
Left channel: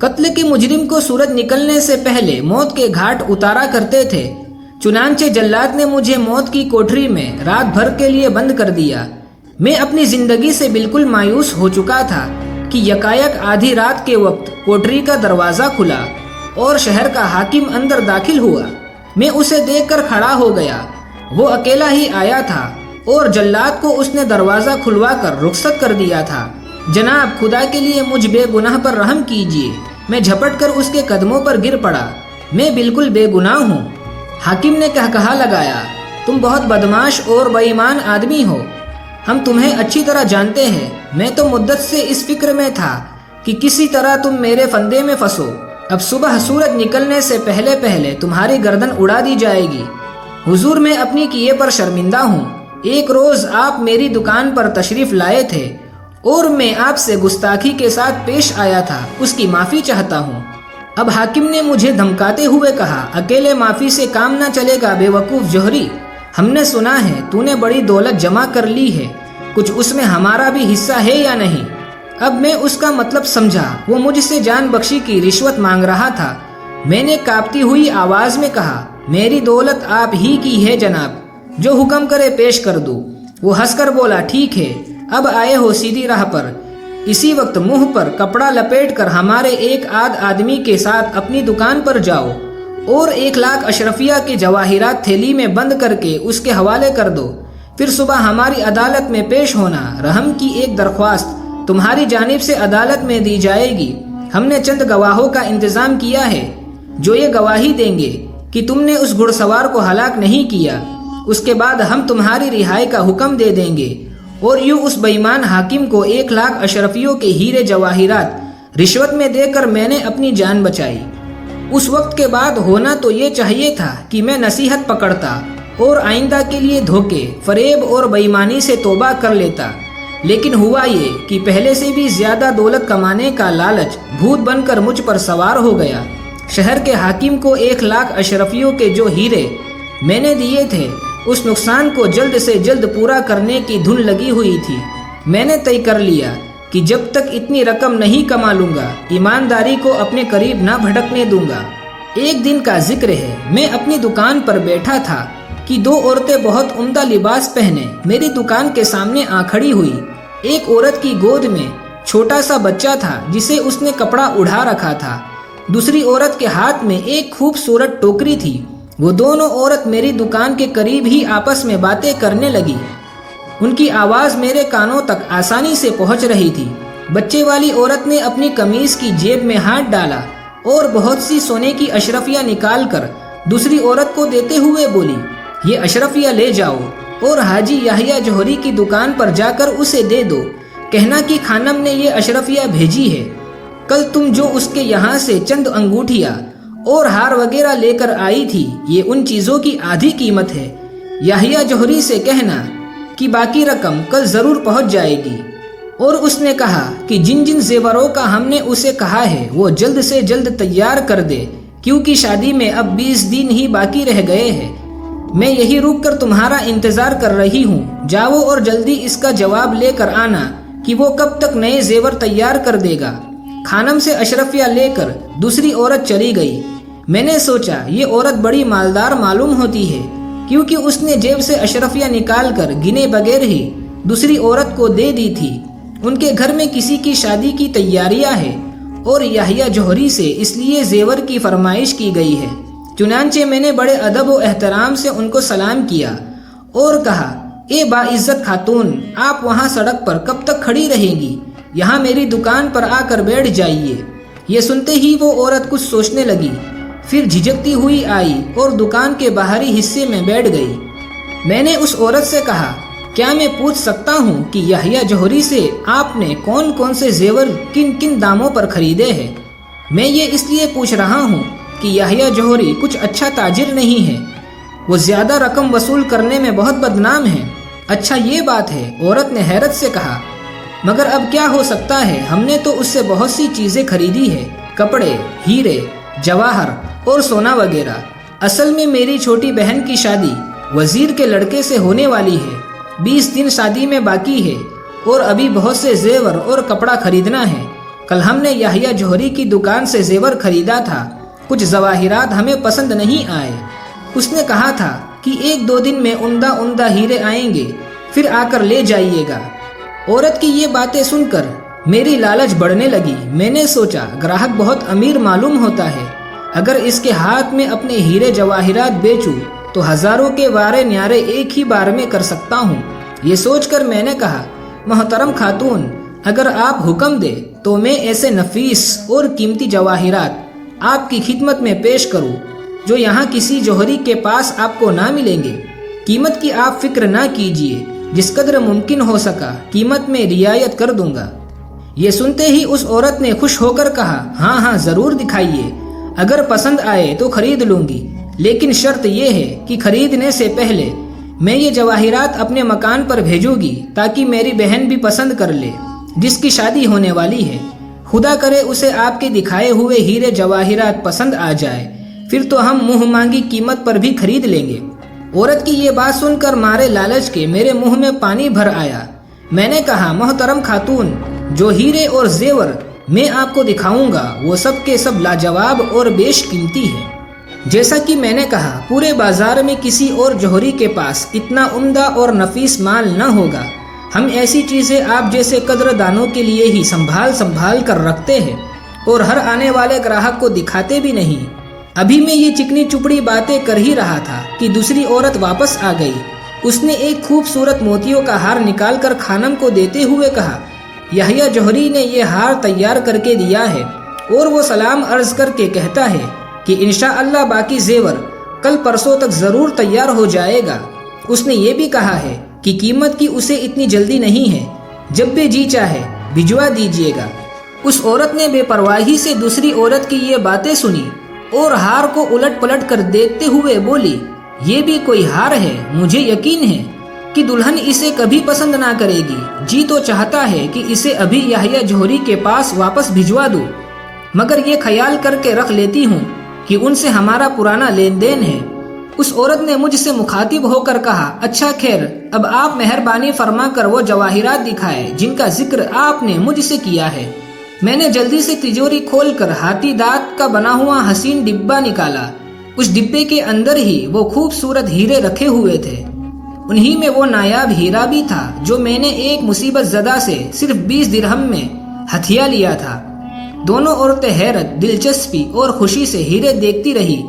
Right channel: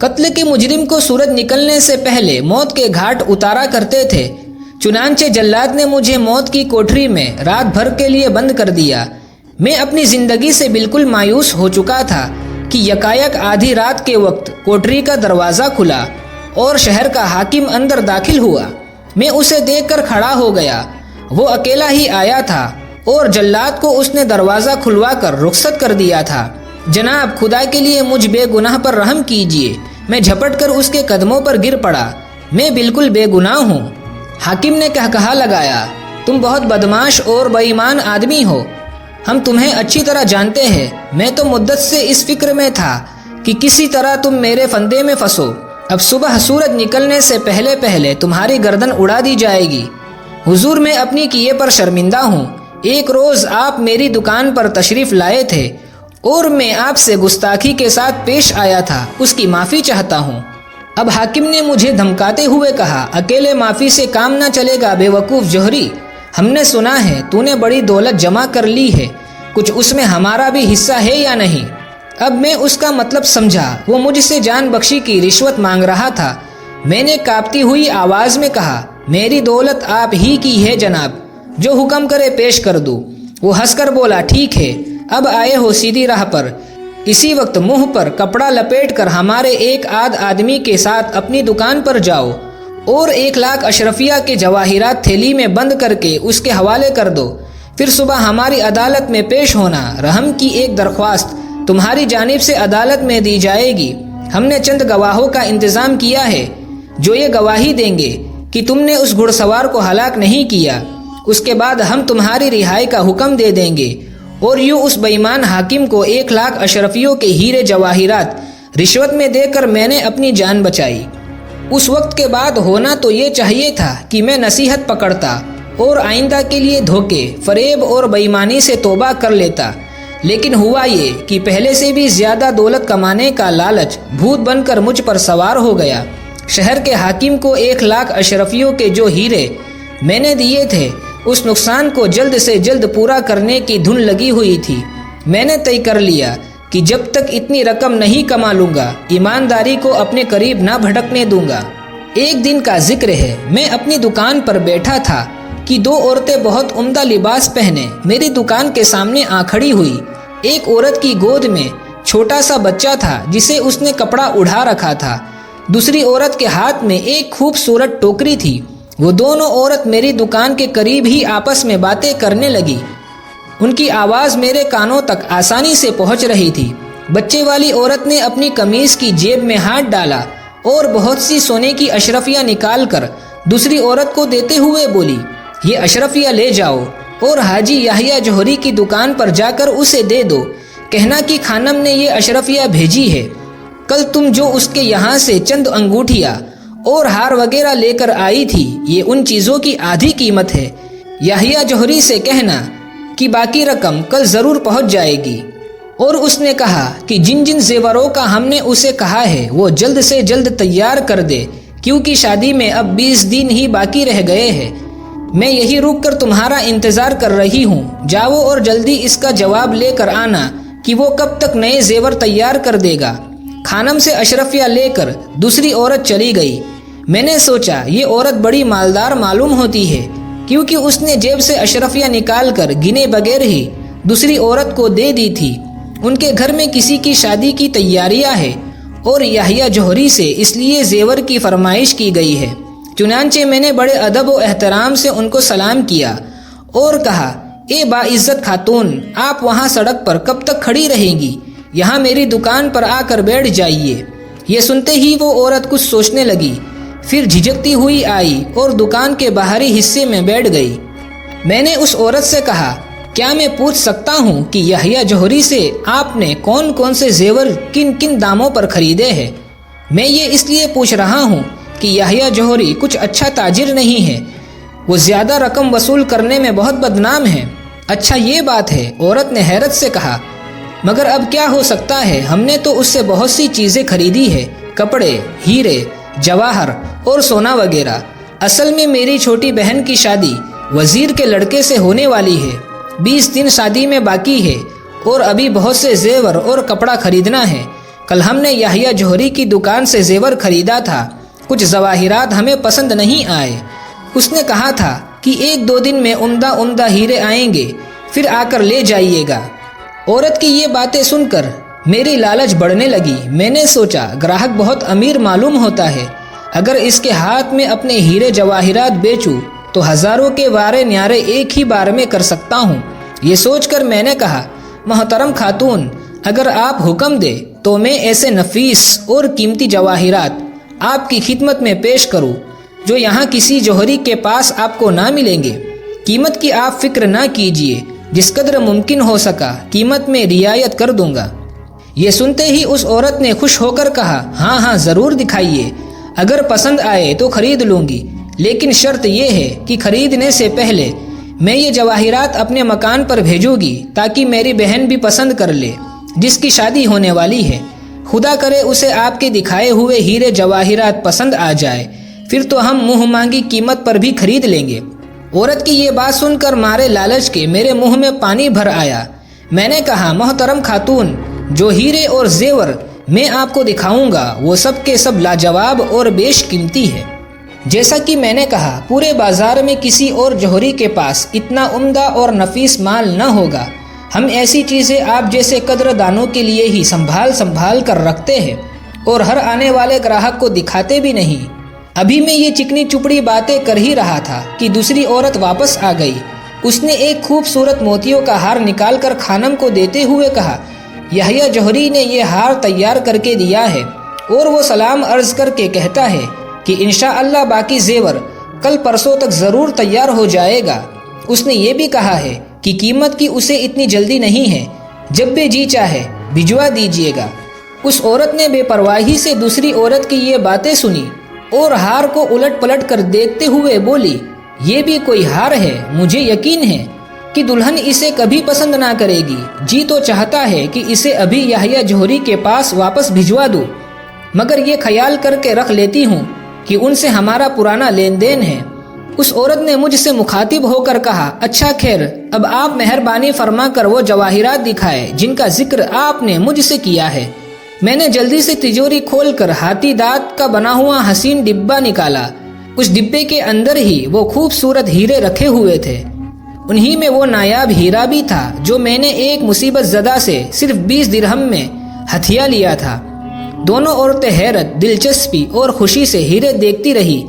قتل کے مجرم کو سورج نکلنے سے پہلے موت کے گھاٹ اتارا کرتے تھے۔ چنانچہ جلاد نے مجھے موت کی کوٹری میں رات بھر کے لیے بند کر دیا۔ میں اپنی زندگی سے بالکل مایوس ہو چکا تھا کہ یکایک آدھی رات کے وقت کوٹری کا دروازہ کھلا اور شہر کا حاکم اندر داخل ہوا۔ میں اسے دیکھ کر کھڑا ہو گیا۔ وہ اکیلا ہی آیا تھا اور جلاد کو اس نے دروازہ کھلوا کر رخصت کر دیا تھا۔ جناب، خدا کے لیے مجھ بے گناہ پر رحم کیجیے۔ میں جھپٹ کر اس کے قدموں پر گر پڑا۔ میں بالکل بے گناہ ہوں۔ حاکم نے کہا لگایا، تم بہت بدماش اور بے ایمان آدمی ہو۔ ہم تمہیں اچھی طرح جانتے ہیں۔ میں تو مدت سے اس فکر میں تھا کہ کسی طرح تم میرے فندے میں پھنسو۔ اب صبح سورج نکلنے سے پہلے پہلے تمہاری گردن اڑا دی جائے گی۔ حضور، میں اپنی کیے پر شرمندہ ہوں۔ ایک روز آپ میری دکان پر تشریف لائے تھے اور میں آپ سے گستاخی کے ساتھ پیش آیا تھا، اس کی معافی چاہتا ہوں۔ اب حاکم نے مجھے دھمکاتے ہوئے کہا، اکیلے معافی سے کام نہ چلے گا بے وقوف جوہری۔ ہم نے سنا ہے تو نے بڑی دولت جمع کر لی ہے، کچھ اس میں ہمارا بھی حصہ ہے یا نہیں؟ اب میں اس کا مطلب سمجھا۔ وہ مجھ سے جان بخشی کی رشوت مانگ رہا تھا۔ میں نے کانپتی ہوئی آواز میں کہا، میری دولت آپ ہی کی ہے جناب، جو حکم کرے پیش کر دوں۔ وہ ہنس کر بولا، ٹھیک ہے، اب آئے ہو سیدھی راہ پر۔ اسی وقت منہ پر کپڑا لپیٹ کر ہمارے ایک آدمی کے ساتھ اپنی دکان پر جاؤ اور 1,00,000 اشرفیہ کے جواہرات تھیلی میں بند کر کے اس کے حوالے کر دو۔ پھر صبح ہماری عدالت میں پیش ہونا۔ رحم کی ایک درخواست تمہاری جانب سے عدالت میں دی جائے گی۔ ہم نے چند گواہوں کا انتظام کیا ہے جو یہ گواہی دیں گے کہ تم نے اس گھڑ سوار کو ہلاک نہیں کیا۔ اس کے بعد ہم تمہاری رہائی کا حکم دے دیں گے اور یوں اس بے ایمان حاکم کو 1,00,000 اشرفیوں کے ہیرے جواہرات رشوت میں دے کر میں نے اپنی جان بچائی۔ اس وقت کے بعد ہونا تو یہ چاہیے تھا کہ میں نصیحت پکڑتا اور آئندہ کے لیے دھوکے، فریب اور بے ایمانی سے توبہ کر لیتا، لیکن ہوا یہ کہ پہلے سے بھی زیادہ دولت کمانے کا لالچ بھوت بن کر مجھ پر سوار ہو گیا۔ شہر کے حاکم کو 1,00,000 اشرفیوں کے جو ہیرے میں نے دیے تھے، اس نقصان کو جلد سے جلد پورا کرنے کی دھن لگی ہوئی تھی۔ میں نے طے کر لیا کہ جب تک اتنی رقم نہیں کما لوں گا، ایمانداری کو اپنے قریب نہ بھٹکنے دوں گا۔ ایک دن کا ذکر ہے، میں اپنی دکان پر بیٹھا تھا کہ 2 عورتیں بہت عمدہ لباس پہنے میری دکان کے سامنے آ کھڑی ہوئی۔ ایک عورت کی گود میں چھوٹا سا بچہ تھا جسے اس نے کپڑا اڑا رکھا تھا۔ دوسری عورت کے ہاتھ میں ایک خوبصورت ٹوکری تھی۔ وہ دونوں عورت میری دکان کے قریب ہی آپس میں باتیں کرنے لگی۔ ان کی آواز میرے کانوں تک آسانی سے پہنچ رہی تھی۔ بچے والی عورت نے اپنی قمیض کی جیب میں ہاتھ ڈالا اور بہت سی سونے کی اشرفیاں نکال کر دوسری عورت کو دیتے ہوئے بولی، یہ اشرفیاں لے جاؤ اور حاجی یحییٰ جوہری کی دکان پر جا کر اسے دے دو، کہنا کہ خانم نے یہ اشرفیاں بھیجی ہے۔ کل تم جو اس کے یہاں سے چند انگوٹھیاں اور ہار وغیرہ لے کر آئی تھی، یہ ان چیزوں کی آدھی قیمت ہے۔ یحییٰ جوہری سے کہنا کہ باقی رقم کل ضرور پہنچ جائے گی۔ اور اس نے کہا کہ جن جن زیوروں کا ہم نے اسے کہا ہے وہ جلد سے جلد تیار کر دے، کیونکہ شادی میں اب 20 دن ہی باقی رہ گئے ہیں۔ میں یہی رک کر تمہارا انتظار کر رہی ہوں، جاؤ اور جلدی اس کا جواب لے کر آنا کہ وہ کب تک نئے زیور تیار کر دے گا۔ خانم سے اشرفیاں لے کر دوسری عورت چلی گئی۔ میں نے سوچا یہ عورت بڑی مالدار معلوم ہوتی ہے، کیونکہ اس نے جیب سے اشرفیاں نکال کر گنے بغیر ہی دوسری عورت کو دے دی تھی۔ ان کے گھر میں کسی کی شادی کی تیاریاں ہیں اور یحییٰ جوہری سے اس لیے زیور کی فرمائش کی گئی ہے۔ چنانچہ میں نے بڑے ادب و احترام سے ان کو سلام کیا اور کہا، اے باعزت خاتون، آپ وہاں سڑک پر کب تک کھڑی رہیں گی؟ یہاں میری دکان پر آ کر بیٹھ جائیے۔ یہ سنتے ہی وہ عورت کچھ سوچنے لگی، پھر جھجکتی ہوئی آئی اور دکان کے باہری حصے میں بیٹھ گئی۔ میں نے اس عورت سے کہا، کیا میں پوچھ سکتا ہوں کہ یحییٰ جوہری سے آپ نے کون کون سے زیور کن کن داموں پر خریدے ہیں؟ میں یہ اس لیے پوچھ رہا ہوں کہ یحییٰ جوہری کچھ اچھا تاجر نہیں ہے، وہ زیادہ رقم وصول کرنے میں بہت بدنام ہے۔ اچھا یہ بات ہے، عورت نے حیرت سے کہا، مگر اب کیا ہو سکتا ہے، ہم نے تو اس سے بہت سی چیزیں خریدی ہے، کپڑے، ہیرے، جواہر اور سونا وغیرہ۔ اصل میں میری چھوٹی بہن کی شادی وزیر کے لڑکے سے ہونے والی ہے۔ 20 دن شادی میں باقی ہے اور ابھی بہت سے زیور اور کپڑا خریدنا ہے۔ کل ہم نے یحییٰ جوہری کی دکان سے زیور خریدا تھا، کچھ ظواہرات ہمیں پسند نہیں آئے۔ اس نے کہا تھا کہ 1-2 دن میں عمدہ ہیرے آئیں گے، پھر آ کر لے جائیے گا۔ عورت کی یہ باتیں سن کر میری لالچ بڑھنے لگی۔ میں نے سوچا گراہک بہت امیر معلوم ہوتا ہے، اگر اس کے ہاتھ میں اپنے ہیرے جواہرات بیچوں تو ہزاروں کے وارے نیارے ایک ہی بار میں کر سکتا ہوں۔ یہ سوچ کر میں نے کہا، محترم خاتون، اگر آپ حکم دے تو میں ایسے نفیس اور قیمتی جواہرات آپ کی خدمت میں پیش کروں جو یہاں کسی جوہری کے پاس آپ کو نہ ملیں گے۔ قیمت کی آپ فکر نہ کیجیے، جس قدر ممکن ہو سکا قیمت میں رعایت کر دوں گا۔ یہ سنتے ہی اس عورت نے خوش ہو کر کہا، ہاں ضرور دکھائیے، اگر پسند آئے تو خرید لوں گی، لیکن شرط یہ ہے کہ خریدنے سے پہلے میں یہ جواہرات اپنے مکان پر بھیجوں گی تاکہ میری بہن بھی پسند کر لے جس کی شادی ہونے والی ہے۔ خدا کرے اسے آپ کے دکھائے ہوئے ہیرے جواہرات پسند آ جائے، پھر تو ہم منہ مانگی قیمت پر بھی خرید لیں گے۔ عورت کی یہ بات سن کر مارے لالچ کے میرے منہ میں پانی بھر آیا۔ میں نے کہا، محترم خاتون، جو ہیرے اور زیور میں آپ کو دکھاؤں گا وہ سب کے سب لاجواب اور بیش قیمتی ہے۔ جیسا کہ میں نے کہا، پورے بازار میں کسی اور جوہری کے پاس اتنا عمدہ اور نفیس مال نہ ہوگا۔ ہم ایسی چیزیں آپ جیسے قدر دانوں کے لیے ہی سنبھال کر رکھتے ہیں اور ہر آنے والے گراہک کو دکھاتے بھی نہیں۔ ابھی میں یہ چکنی چپڑی باتیں کر ہی رہا تھا کہ دوسری عورت واپس آ گئی۔ اس نے ایک خوبصورت موتیوں کا ہار نکال کر خانم کو دیتے ہوئے کہا، یحییٰ جوہری نے یہ ہار تیار کر کے دیا ہے اور وہ سلام عرض کر کے کہتا ہے کہ انشاءاللہ باقی زیور کل پرسوں تک ضرور تیار ہو جائے گا۔ اس نے یہ بھی کہا ہے کہ قیمت کی اسے اتنی جلدی نہیں ہے، جب بھی جی چاہے بھجوا دیجیے گا۔ اس عورت نے بے پرواہی سے دوسری عورت کی یہ باتیں سنی اور ہار کو الٹ پلٹ کر دیکھتے ہوئے بولی، یہ بھی کوئی ہار ہے؟ مجھے یقین ہے کہ دلہن اسے کبھی پسند نہ کرے گی۔ جی تو چاہتا ہے کہ اسے ابھی یحییٰ جوہری کے پاس واپس بھجوا دوں، مگر یہ خیال کر کے رکھ لیتی ہوں کہ ان سے ہمارا پرانا لین دین ہے۔ اس عورت نے مجھ سے مخاطب ہو کر کہا، اچھا خیر، اب آپ مہربانی فرما کر وہ جواہرات دکھائے جن کا ذکر آپ نے مجھ سے کیا ہے۔ میں نے جلدی سے تجوری کھول کر ہاتھی دانت کا بنا ہوا حسین ڈبہ نکالا۔ اس ڈبے کے اندر ہی وہ خوبصورت ہیرے رکھے ہوئے تھے۔ انہی میں وہ نایاب ہیرا بھی تھا جو میں نے ایک مصیبت زدہ سے صرف 20 درہم میں ہتھیا لیا تھا۔ دونوں عورتیں حیرت، دلچسپی اور خوشی سے ہیرے دیکھتی رہی۔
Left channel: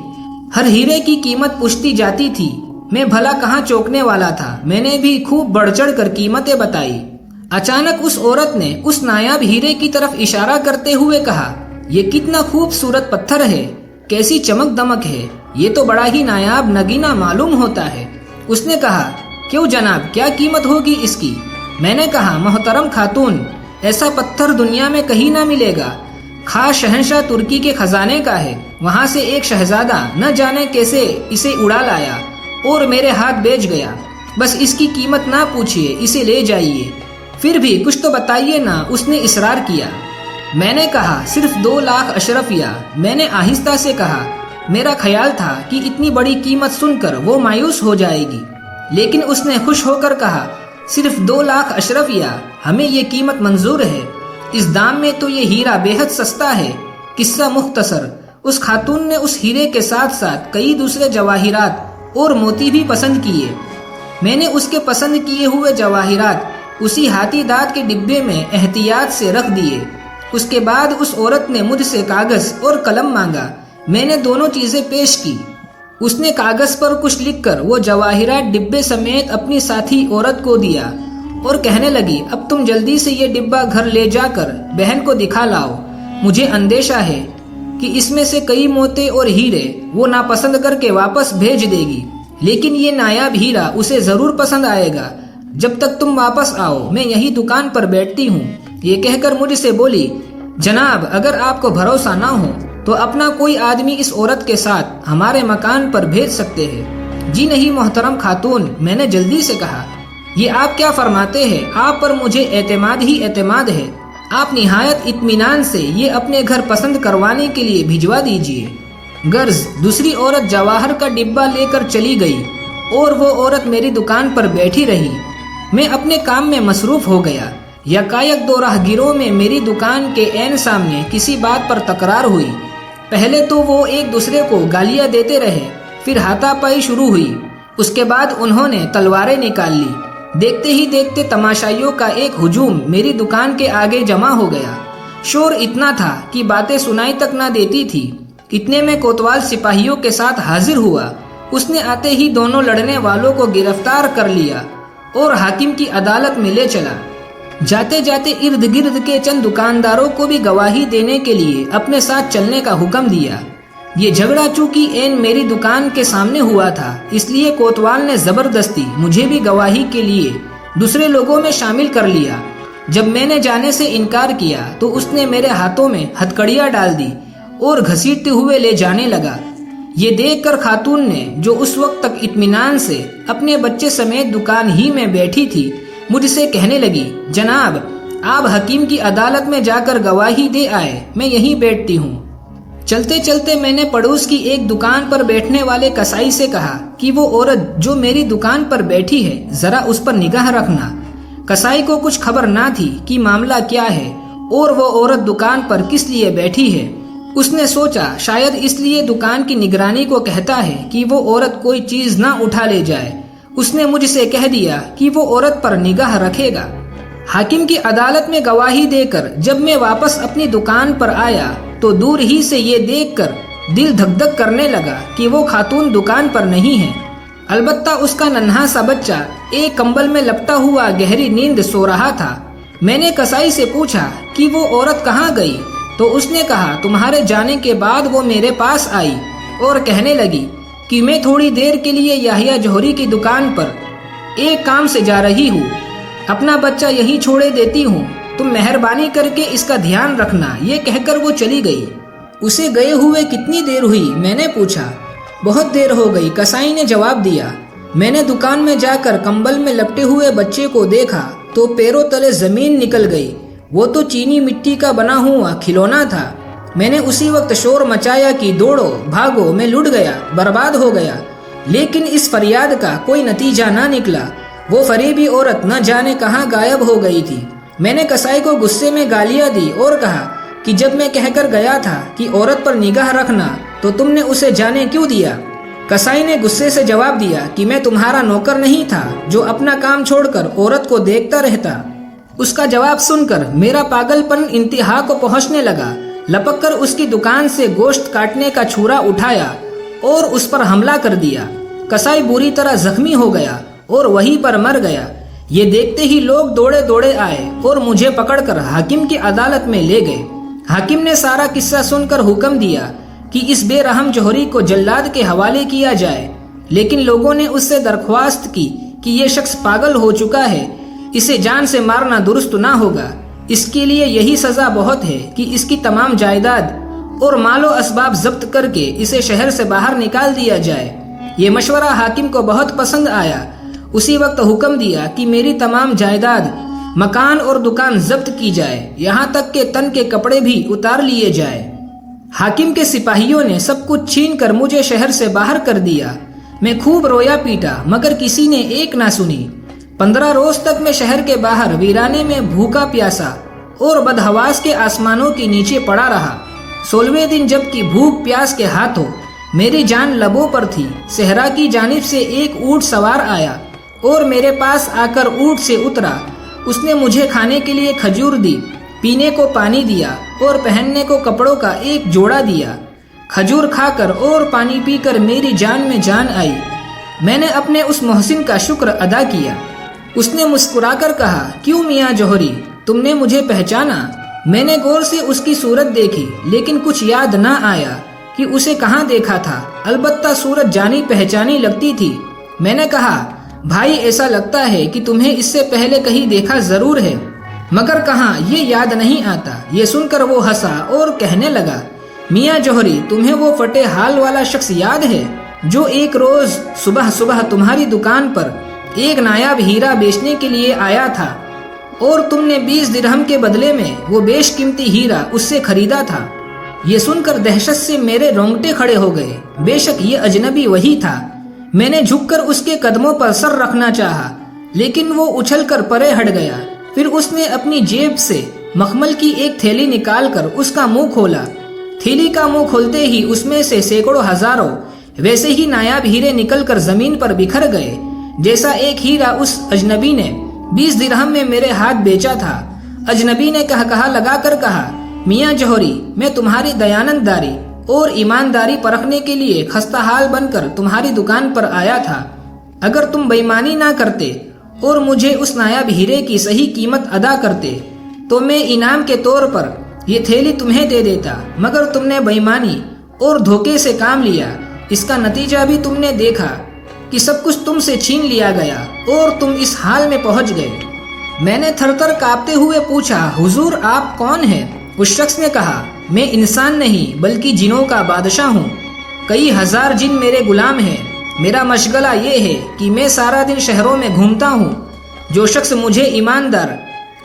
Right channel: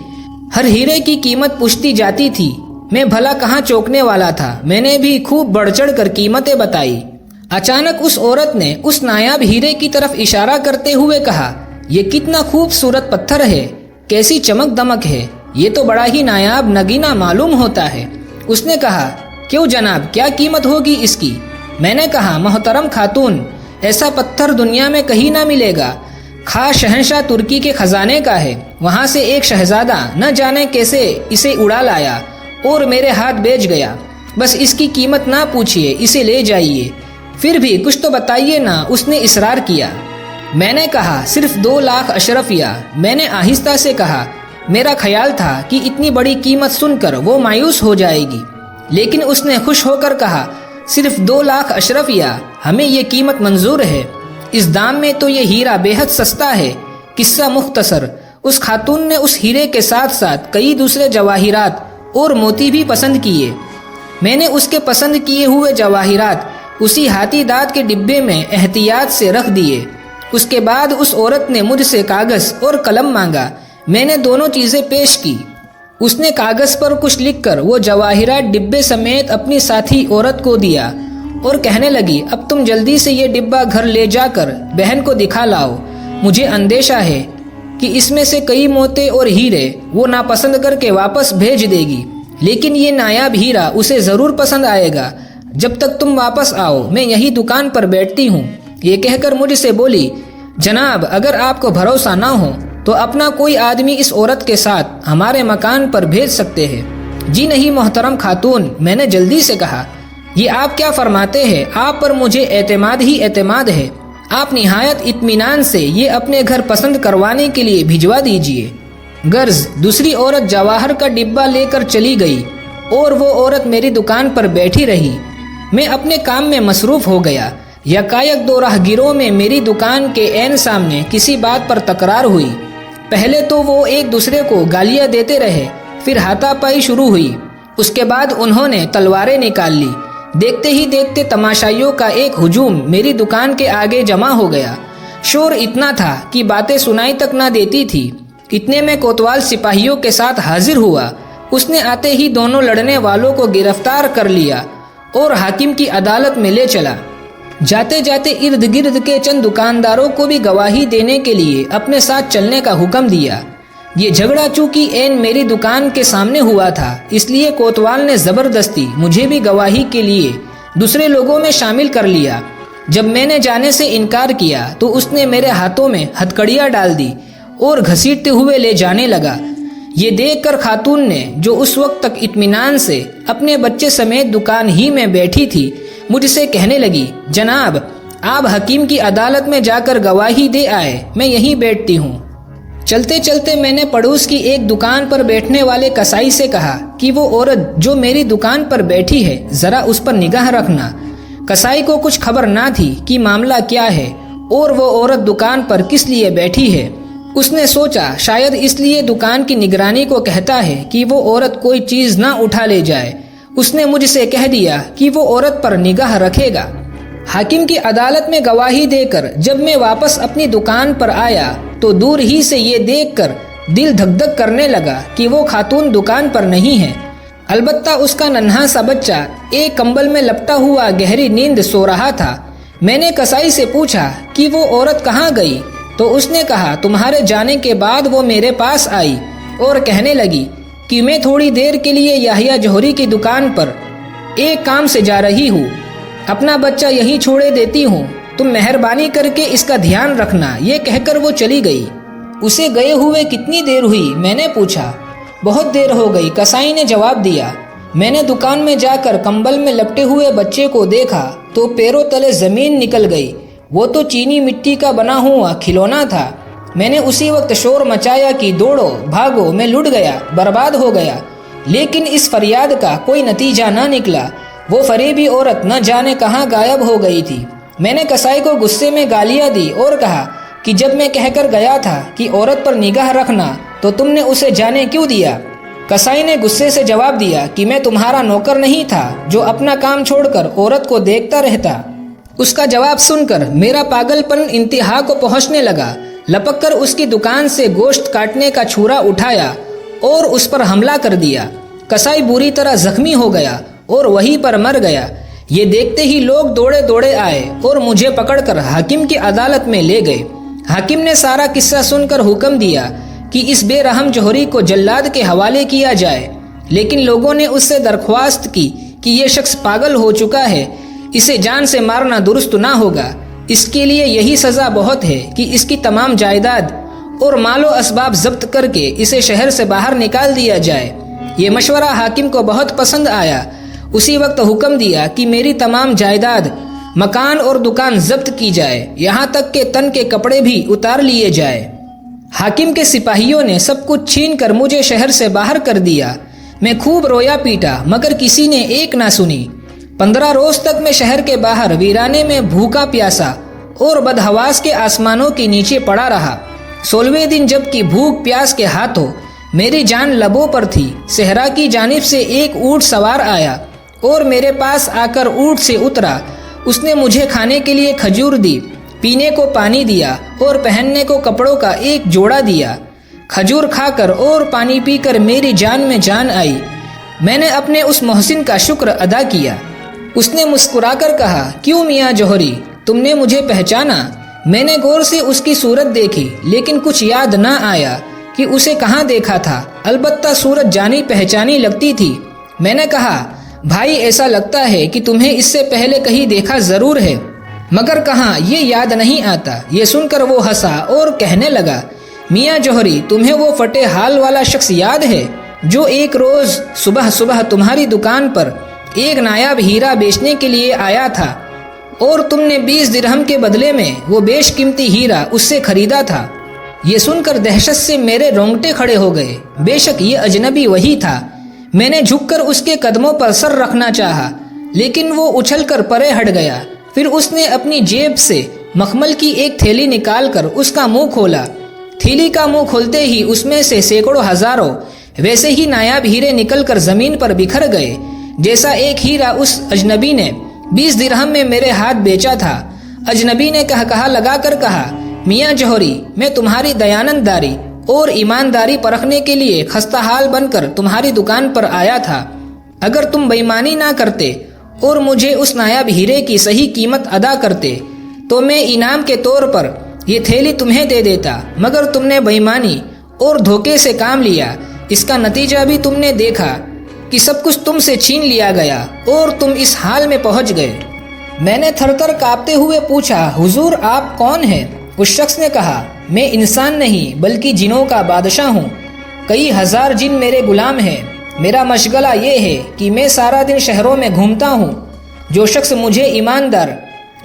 ہر ہیرے کی قیمت پوچھتی جاتی تھی۔ میں بھلا کہاں چوکنے والا تھا، میں نے بھی خوب بڑھ چڑھ کر قیمتیں بتائی۔ اچانک اس عورت نے اس نایاب ہیرے کی طرف اشارہ کرتے ہوئے کہا، یہ کتنا خوبصورت پتھر ہے، کیسی چمک دمک ہے، یہ تو بڑا ہی نایاب نگینا معلوم ہوتا ہے۔ اس نے کہا، کیوں جناب، کیا قیمت ہوگی اس کی؟ میں نے کہا، محترم خاتون، ایسا پتھر دنیا میں کہیں نہ ملے گا، خاص شہنشاہ ترکی کے خزانے کا ہے۔ وہاں سے ایک شہزادہ نہ جانے کیسے اسے اڑا لایا اور میرے ہاتھ بیچ گیا۔ بس اس کی قیمت نہ پوچھیے، اسے لے جائیے۔ پھر بھی کچھ تو بتائیے نا، اس نے اصرار کیا۔ میں نے کہا، صرف 2 لاکھ اشرفیہ۔ میں نے آہستہ سے کہا، میرا خیال تھا کہ اتنی بڑی قیمت سن کر وہ مایوس ہو جائے گی، لیکن اس نے خوش ہو کر کہا، صرف 2 لاکھ اشرفیہ، ہمیں یہ قیمت منظور ہے۔ اس دام میں تو یہ ہیرا بے حد سستا ہے۔ قصہ مختصر، اس خاتون نے اس ہیرے کے ساتھ ساتھ کئی دوسرے جواہرات اور موتی بھی پسند کیے۔ میں نے اس کے پسند کیے ہوئے جواہرات اسی ہاتھی دانت کے ڈبے میں احتیاط سے رکھ دیے۔ اس کے بعد اس عورت نے مجھ سے کاغذ اور قلم مانگا۔ میں نے دونوں چیزیں پیش کی۔ اس نے کاغذ پر کچھ لکھ کر وہ جواہرات ڈبے سمیت اپنی ساتھی عورت کو دیا اور کہنے لگی، اب تم جلدی سے یہ ڈبہ گھر لے جا کر بہن کو دکھا لاؤ۔ مجھے اندیشہ ہے کہ اس میں سے کئی موتے اور ہیرے وہ ناپسند کر کے واپس بھیج دے گی، لیکن یہ نایاب ہیرا اسے ضرور پسند آئے گا۔ جب تک تم واپس آؤ میں یہی دکان پر بیٹھتی ہوں۔ یہ کہہ کر مجھ سے بولی، جناب، اگر آپ کو بھروسہ نہ ہو تو اپنا کوئی آدمی اس عورت کے ساتھ ہمارے مکان پر بھیج سکتے ہیں۔ جی نہیں محترم خاتون، میں نے جلدی سے کہا، یہ آپ کیا فرماتے ہیں؟ آپ پر مجھے اعتماد ہی اعتماد ہے۔ آپ نہایت اطمینان سے یہ اپنے گھر پسند کروانے کے لیے بھجوا دیجیے۔ غرض دوسری عورت جواہر کا ڈبہ لے کر چلی گئی اور وہ عورت میری دکان پر بیٹھی رہی۔ میں اپنے کام میں مصروف ہو گیا۔ یکایک دو راہگیروں میں میری دکان کے عین سامنے کسی بات پر تکرار ہوئی۔ پہلے تو وہ ایک دوسرے کو گالیاں دیتے رہے، پھر ہاتھا پائی شروع ہوئی۔ اس کے بعد انہوں نے تلواریں نکال لی۔ دیکھتے ہی دیکھتے تماشائیوں کا ایک ہجوم میری دکان کے آگے جمع ہو گیا۔ شور اتنا تھا کہ باتیں سنائی تک نہ دیتی تھی۔ اتنے میں کوتوال سپاہیوں کے ساتھ حاضر ہوا۔ اس نے آتے ہی دونوں لڑنے والوں کو گرفتار کر لیا اور حاکم کی عدالت میں لے چلا۔ جاتے جاتے ارد گرد کے چند دکانداروں کو بھی گواہی دینے کے لیے اپنے ساتھ چلنے کا حکم دیا۔ یہ جھگڑا چونکہ عین میری دکان کے سامنے ہوا تھا، اس لیے کوتوال نے زبردستی مجھے بھی گواہی کے لیے دوسرے لوگوں میں شامل کر لیا۔ جب میں نے جانے سے انکار کیا تو اس نے میرے ہاتھوں میں ہتکڑیاں ڈال دی اور گھسیٹتے ہوئے لے جانے لگا۔ یہ دیکھ کر خاتون نے، جو اس وقت تک اطمینان سے اپنے بچے سمیت دکان ہی میں بیٹھی تھی، مجھ سے کہنے لگی، جناب آپ حکیم کی عدالت میں جا کر گواہی دے آئے، میں یہیں بیٹھتی ہوں۔ چلتے چلتے میں نے پڑوس کی ایک دکان پر بیٹھنے والے کسائی سے کہا کہ وہ عورت جو میری دکان پر بیٹھی ہے ذرا اس پر نگاہ رکھنا۔ کسائی کو کچھ خبر نہ تھی کہ معاملہ کیا ہے اور وہ عورت دکان پر کس لیے بیٹھی ہے۔ اس نے سوچا شاید اس لیے دکان کی نگرانی کو کہتا ہے کہ وہ عورت کوئی چیز نہ اٹھا لے جائے۔ اس نے مجھ سے کہہ دیا کہ وہ عورت پر نگاہ رکھے گا۔ حاکم کی عدالت میں گواہی دے کر جب میں واپس اپنی دکان پر آیا تو دور ہی سے یہ دیکھ کر دل دھک دھک کرنے لگا کہ وہ خاتون دکان پر نہیں ہے۔ البتہ اس کا ننھا سا بچہ ایک کمبل میں لپٹا ہوا گہری نیند سو رہا تھا۔ میں نے کسائی سے پوچھا کہ وہ عورت کہاں گئی تو اس نے کہا تمہارے جانے کے بعد وہ میرے پاس آئی اور کہنے لگی کہ میں تھوڑی دیر کے لیے یحییٰ جوہری کی دکان پر ایک کام سے جا رہی ہوں، اپنا بچہ یہیں چھوڑے دیتی ہوں، تم مہربانی کر کے اس کا دھیان رکھنا۔ یہ کہہ کر وہ چلی گئی۔ اسے گئے ہوئے کتنی دیر ہوئی؟ میں نے پوچھا۔ بہت دیر ہو گئی، کسائی نے جواب دیا۔ میں نے دکان میں جا کر کمبل میں لپٹے ہوئے بچے کو دیکھا تو پیروں تلے زمین نکل گئی۔ وہ تو چینی مٹی کا بنا ہوا کھلونا تھا۔ میں نے اسی وقت شور مچایا کہ دوڑو بھاگو، میں لٹ گیا، برباد ہو گیا۔ لیکن اس فریاد کا کوئی نتیجہ نہ نکلا۔ وہ فریبی عورت نہ جانے کہاں غائب ہو گئی تھی۔ میں نے کسائی کو غصے میں گالیاں دی اور کہا کہ جب میں کہہ کر گیا تھا کہ عورت پر نگاہ رکھنا تو تم نے اسے جانے کیوں دیا؟ کسائی نے غصے سے جواب دیا کہ میں تمہارا نوکر نہیں تھا جو اپنا کام چھوڑ کر عورت کو دیکھتا رہتا۔ اس کا جواب سن کر میرا پاگل پن انتہا کو پہنچنے لگا۔ لپک کر اس کی دکان سے گوشت کاٹنے کا چھرا اٹھایا اور اس پر حملہ کر دیا۔ کسائی بری طرح زخمی ہو گیا اور وہیں پر مر گیا۔ یہ دیکھتے ہی لوگ دوڑے دوڑے آئے اور مجھے پکڑ کر حاکم کی عدالت میں لے گئے۔ حاکم نے سارا قصہ سن کر حکم دیا کہ اس بے رحم جوہری کو جلاد کے حوالے کیا جائے، لیکن لوگوں نے اس سے درخواست کی کہ یہ شخص پاگل ہو چکا ہے، اسے جان سے مارنا درست نہ ہوگا، اس کے لیے یہی سزا بہت ہے کہ اس کی تمام جائیداد اور مال و اسباب ضبط کر کے اسے شہر سے باہر نکال دیا جائے۔ یہ مشورہ حاکم کو بہت پسند آیا۔ اسی وقت حکم دیا کہ میری تمام جائیداد، مکان اور دکان ضبط کی جائے، یہاں تک کہ تن کے کپڑے بھی اتار لیے جائے۔ حاکم کے سپاہیوں نے سب کچھ چھین کر مجھے شہر سے باہر کر دیا۔ میں خوب رویا پیٹا مگر کسی نے ایک نہ سنی۔ 15 روز تک میں شہر کے باہر ویرانے میں بھوکا پیاسا اور بدحواس کے آسمانوں کے نیچے پڑا رہا۔ 16ویں دن جب کہ بھوک پیاس کے ہاتھوں میری جان لبوں پر تھی، صحرا کی جانب سے ایک اونٹ سوار آیا اور میرے پاس آ کر اونٹ سے اترا۔ اس نے مجھے کھانے کے لیے کھجور دی، پینے کو پانی دیا اور پہننے کو کپڑوں کا ایک جوڑا دیا۔ کھجور کھا کر اور پانی پی کر میری جان میں جان آئی۔ میں نے اپنے اس محسن کا شکر ادا کیا۔ اس نے مسکرا کر کہا، کیوں میاں جوہری، تم نے مجھے پہچانا؟ میں نے غور سے اس کی صورت دیکھی لیکن کچھ یاد نہ آیا کہ اسے کہاں دیکھا تھا، البتہ صورت جانی پہچانی لگتی تھی۔ میں نے کہا، بھائی ایسا لگتا ہے کہ تمہیں اس سے پہلے کہیں دیکھا ضرور ہے، مگر کہاں یہ یاد نہیں آتا۔ یہ سن کر وہ ہنسا اور کہنے لگا، میاں جوہری، تمہیں وہ فٹے حال والا شخص یاد ہے جو ایک روز صبح صبح تمہاری دکان پر ایک نایاب ہیرا بیچنے کے لیے آیا تھا اور تم نے 20 درہم کے بدلے میں وہ بیش قیمتی ہیرا اس سے خریدا تھا؟ یہ سن کر دہشت سے میرے رونگٹے کھڑے ہو گئے۔ بے شک یہ اجنبی وہی تھا۔ میں نے جھک کر اس کے قدموں پر سر رکھنا چاہا لیکن وہ اچھل کر پرے ہٹ گیا۔ پھر اس نے اپنی جیب سے مخمل کی ایک تھیلی نکال کر اس کا منہ کھولا۔ تھیلی کا منہ کھولتے ہی اس میں سے سینکڑوں ہزاروں ویسے ہی نایاب ہیرے نکل کر زمین پر بکھر گئے، جیسا ایک ہیرا اس اجنبی نے 20 درہم میں میرے ہاتھ بیچا تھا۔ اجنبی نے کہا لگا کر کہا، میاں جوہری، میں تمہاری دیانتداری اور ایمانداری پرکھنے کے لیے خستہ حال بن کر تمہاری دکان پر آیا تھا۔ اگر تم بےایمانی نہ کرتے اور مجھے اس نایاب ہیرے کی صحیح قیمت ادا کرتے تو میں انعام کے طور پر یہ تھیلی تمہیں دے دیتا، مگر تم نے بےایمانی اور دھوکے سے کام لیا۔ اس کا نتیجہ بھی تم نے دیکھا کہ سب کچھ تم سے چھین لیا گیا اور تم اس حال میں پہنچ گئے۔ میں نے تھر تھر کانپتے ہوئے پوچھا، حضور آپ کون ہیں؟ اس شخص نے کہا، میں انسان نہیں بلکہ جنوں کا بادشاہ ہوں، کئی ہزار جن میرے غلام ہیں۔ میرا مشغلہ یہ ہے کہ میں سارا دن شہروں میں گھومتا ہوں، جو شخص مجھے ایماندار،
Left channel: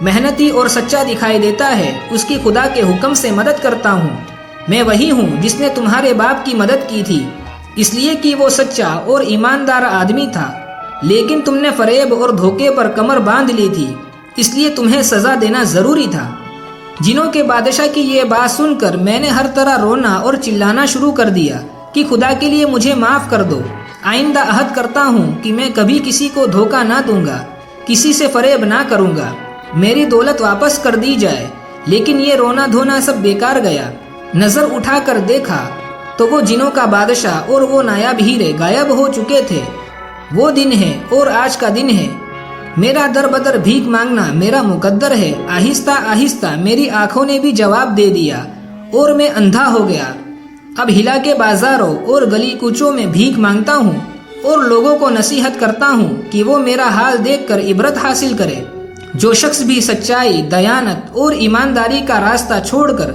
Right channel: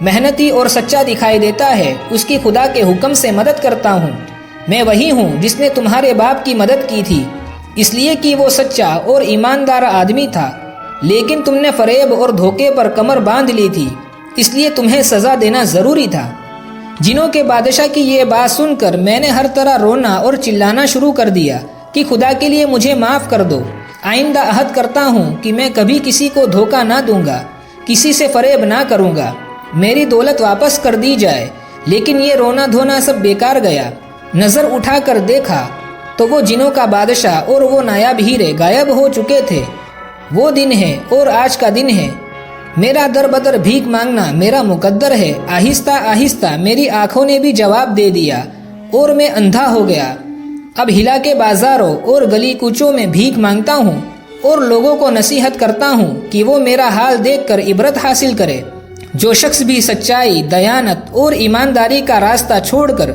محنتی اور سچا دکھائی دیتا ہے اس کی خدا کے حکم سے مدد کرتا ہوں۔ میں وہی ہوں جس نے تمہارے باپ کی مدد کی تھی، اس لیے کہ وہ سچا اور ایماندار آدمی تھا، لیکن تم نے فریب اور دھوکے پر کمر باندھ لی تھی، اس لیے تمہیں سزا دینا ضروری تھا۔ جنوں کے بادشاہ کی یہ بات سن کر میں نے ہر طرح رونا اور چلانا شروع کر دیا کہ خدا کے لیے مجھے معاف کر دو، آئندہ عہد کرتا ہوں کہ میں کبھی کسی کو دھوکہ نہ دوں گا، کسی سے فریب نہ کروں گا، میری دولت واپس کر دی جائے۔ لیکن یہ رونا دھونا سب بیکار گیا۔ نظر اٹھا کر دیکھا تو وہ جنوں کا بادشاہ اور وہ نایاب ہیرے غائب ہو چکے تھے۔ وہ دن ہے اور آج کا دن ہے۔ میرا در بدر بھیک مانگنا میرا مقدر ہے۔ آہستہ آہستہ میری آنکھوں نے بھی جواب دے دیا اور میں اندھا ہو گیا۔ اب ہلا کے بازاروں اور گلی کوچوں میں بھیک مانگتا ہوں اور لوگوں کو نصیحت کرتا ہوں کہ وہ میرا حال دیکھ کر عبرت حاصل کرے۔ جو شخص بھی سچائی، دیانت اور ایمانداری کا راستہ چھوڑ کر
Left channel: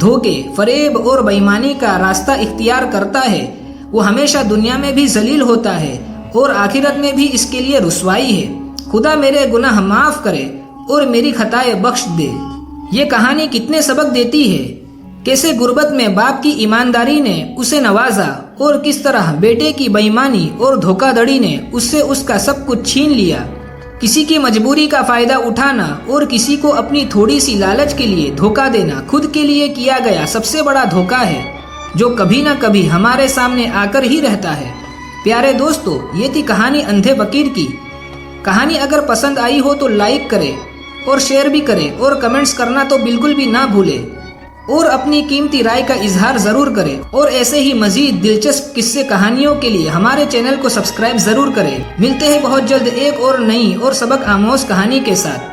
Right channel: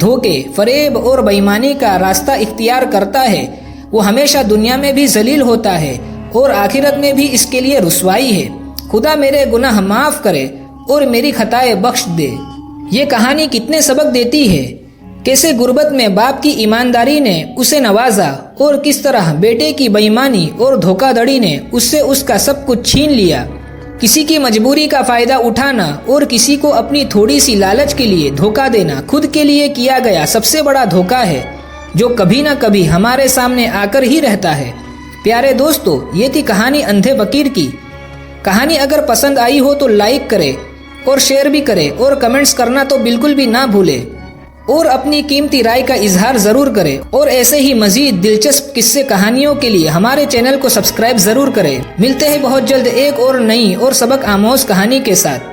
دھوکے، فریب اور بےایمانی کا راستہ اختیار کرتا ہے، وہ ہمیشہ دنیا میں بھی ذلیل ہوتا ہے اور آخرت میں بھی اس کے لیے رسوائی ہے۔ خدا میرے گناہ معاف کرے اور میری خطائیں بخش دے۔ یہ کہانی کتنے سبق دیتی ہے، کیسے غربت میں باپ کی ایمانداری نے اسے نوازا اور کس طرح بیٹے کی بےایمانی اور دھوکہ دڑی نے اس سے اس کا سب کچھ چھین لیا۔ کسی کی مجبوری کا فائدہ اٹھانا اور کسی کو اپنی تھوڑی سی لالچ کے لیے دھوکہ دینا خود کے لیے کیا گیا سب سے بڑا دھوکہ ہے، جو کبھی نہ کبھی ہمارے سامنے آ کر ہی رہتا ہے۔ پیارے دوستو، یہ تھی کہانی اندھے فقیر کی۔ کہانی اگر پسند آئی ہو تو لائک کرے اور شیئر بھی کرے اور کمنٹس کرنا تو بالکل بھی نہ بھولے، اور اپنی قیمتی رائے کا اظہار ضرور کرے، اور ایسے ہی مزید دلچسپ قصے کہانیوں کے لیے ہمارے چینل کو سبسکرائب ضرور کریں۔ ملتے ہیں بہت جلد ایک اور نئی اور سبق آموز کہانی کے ساتھ۔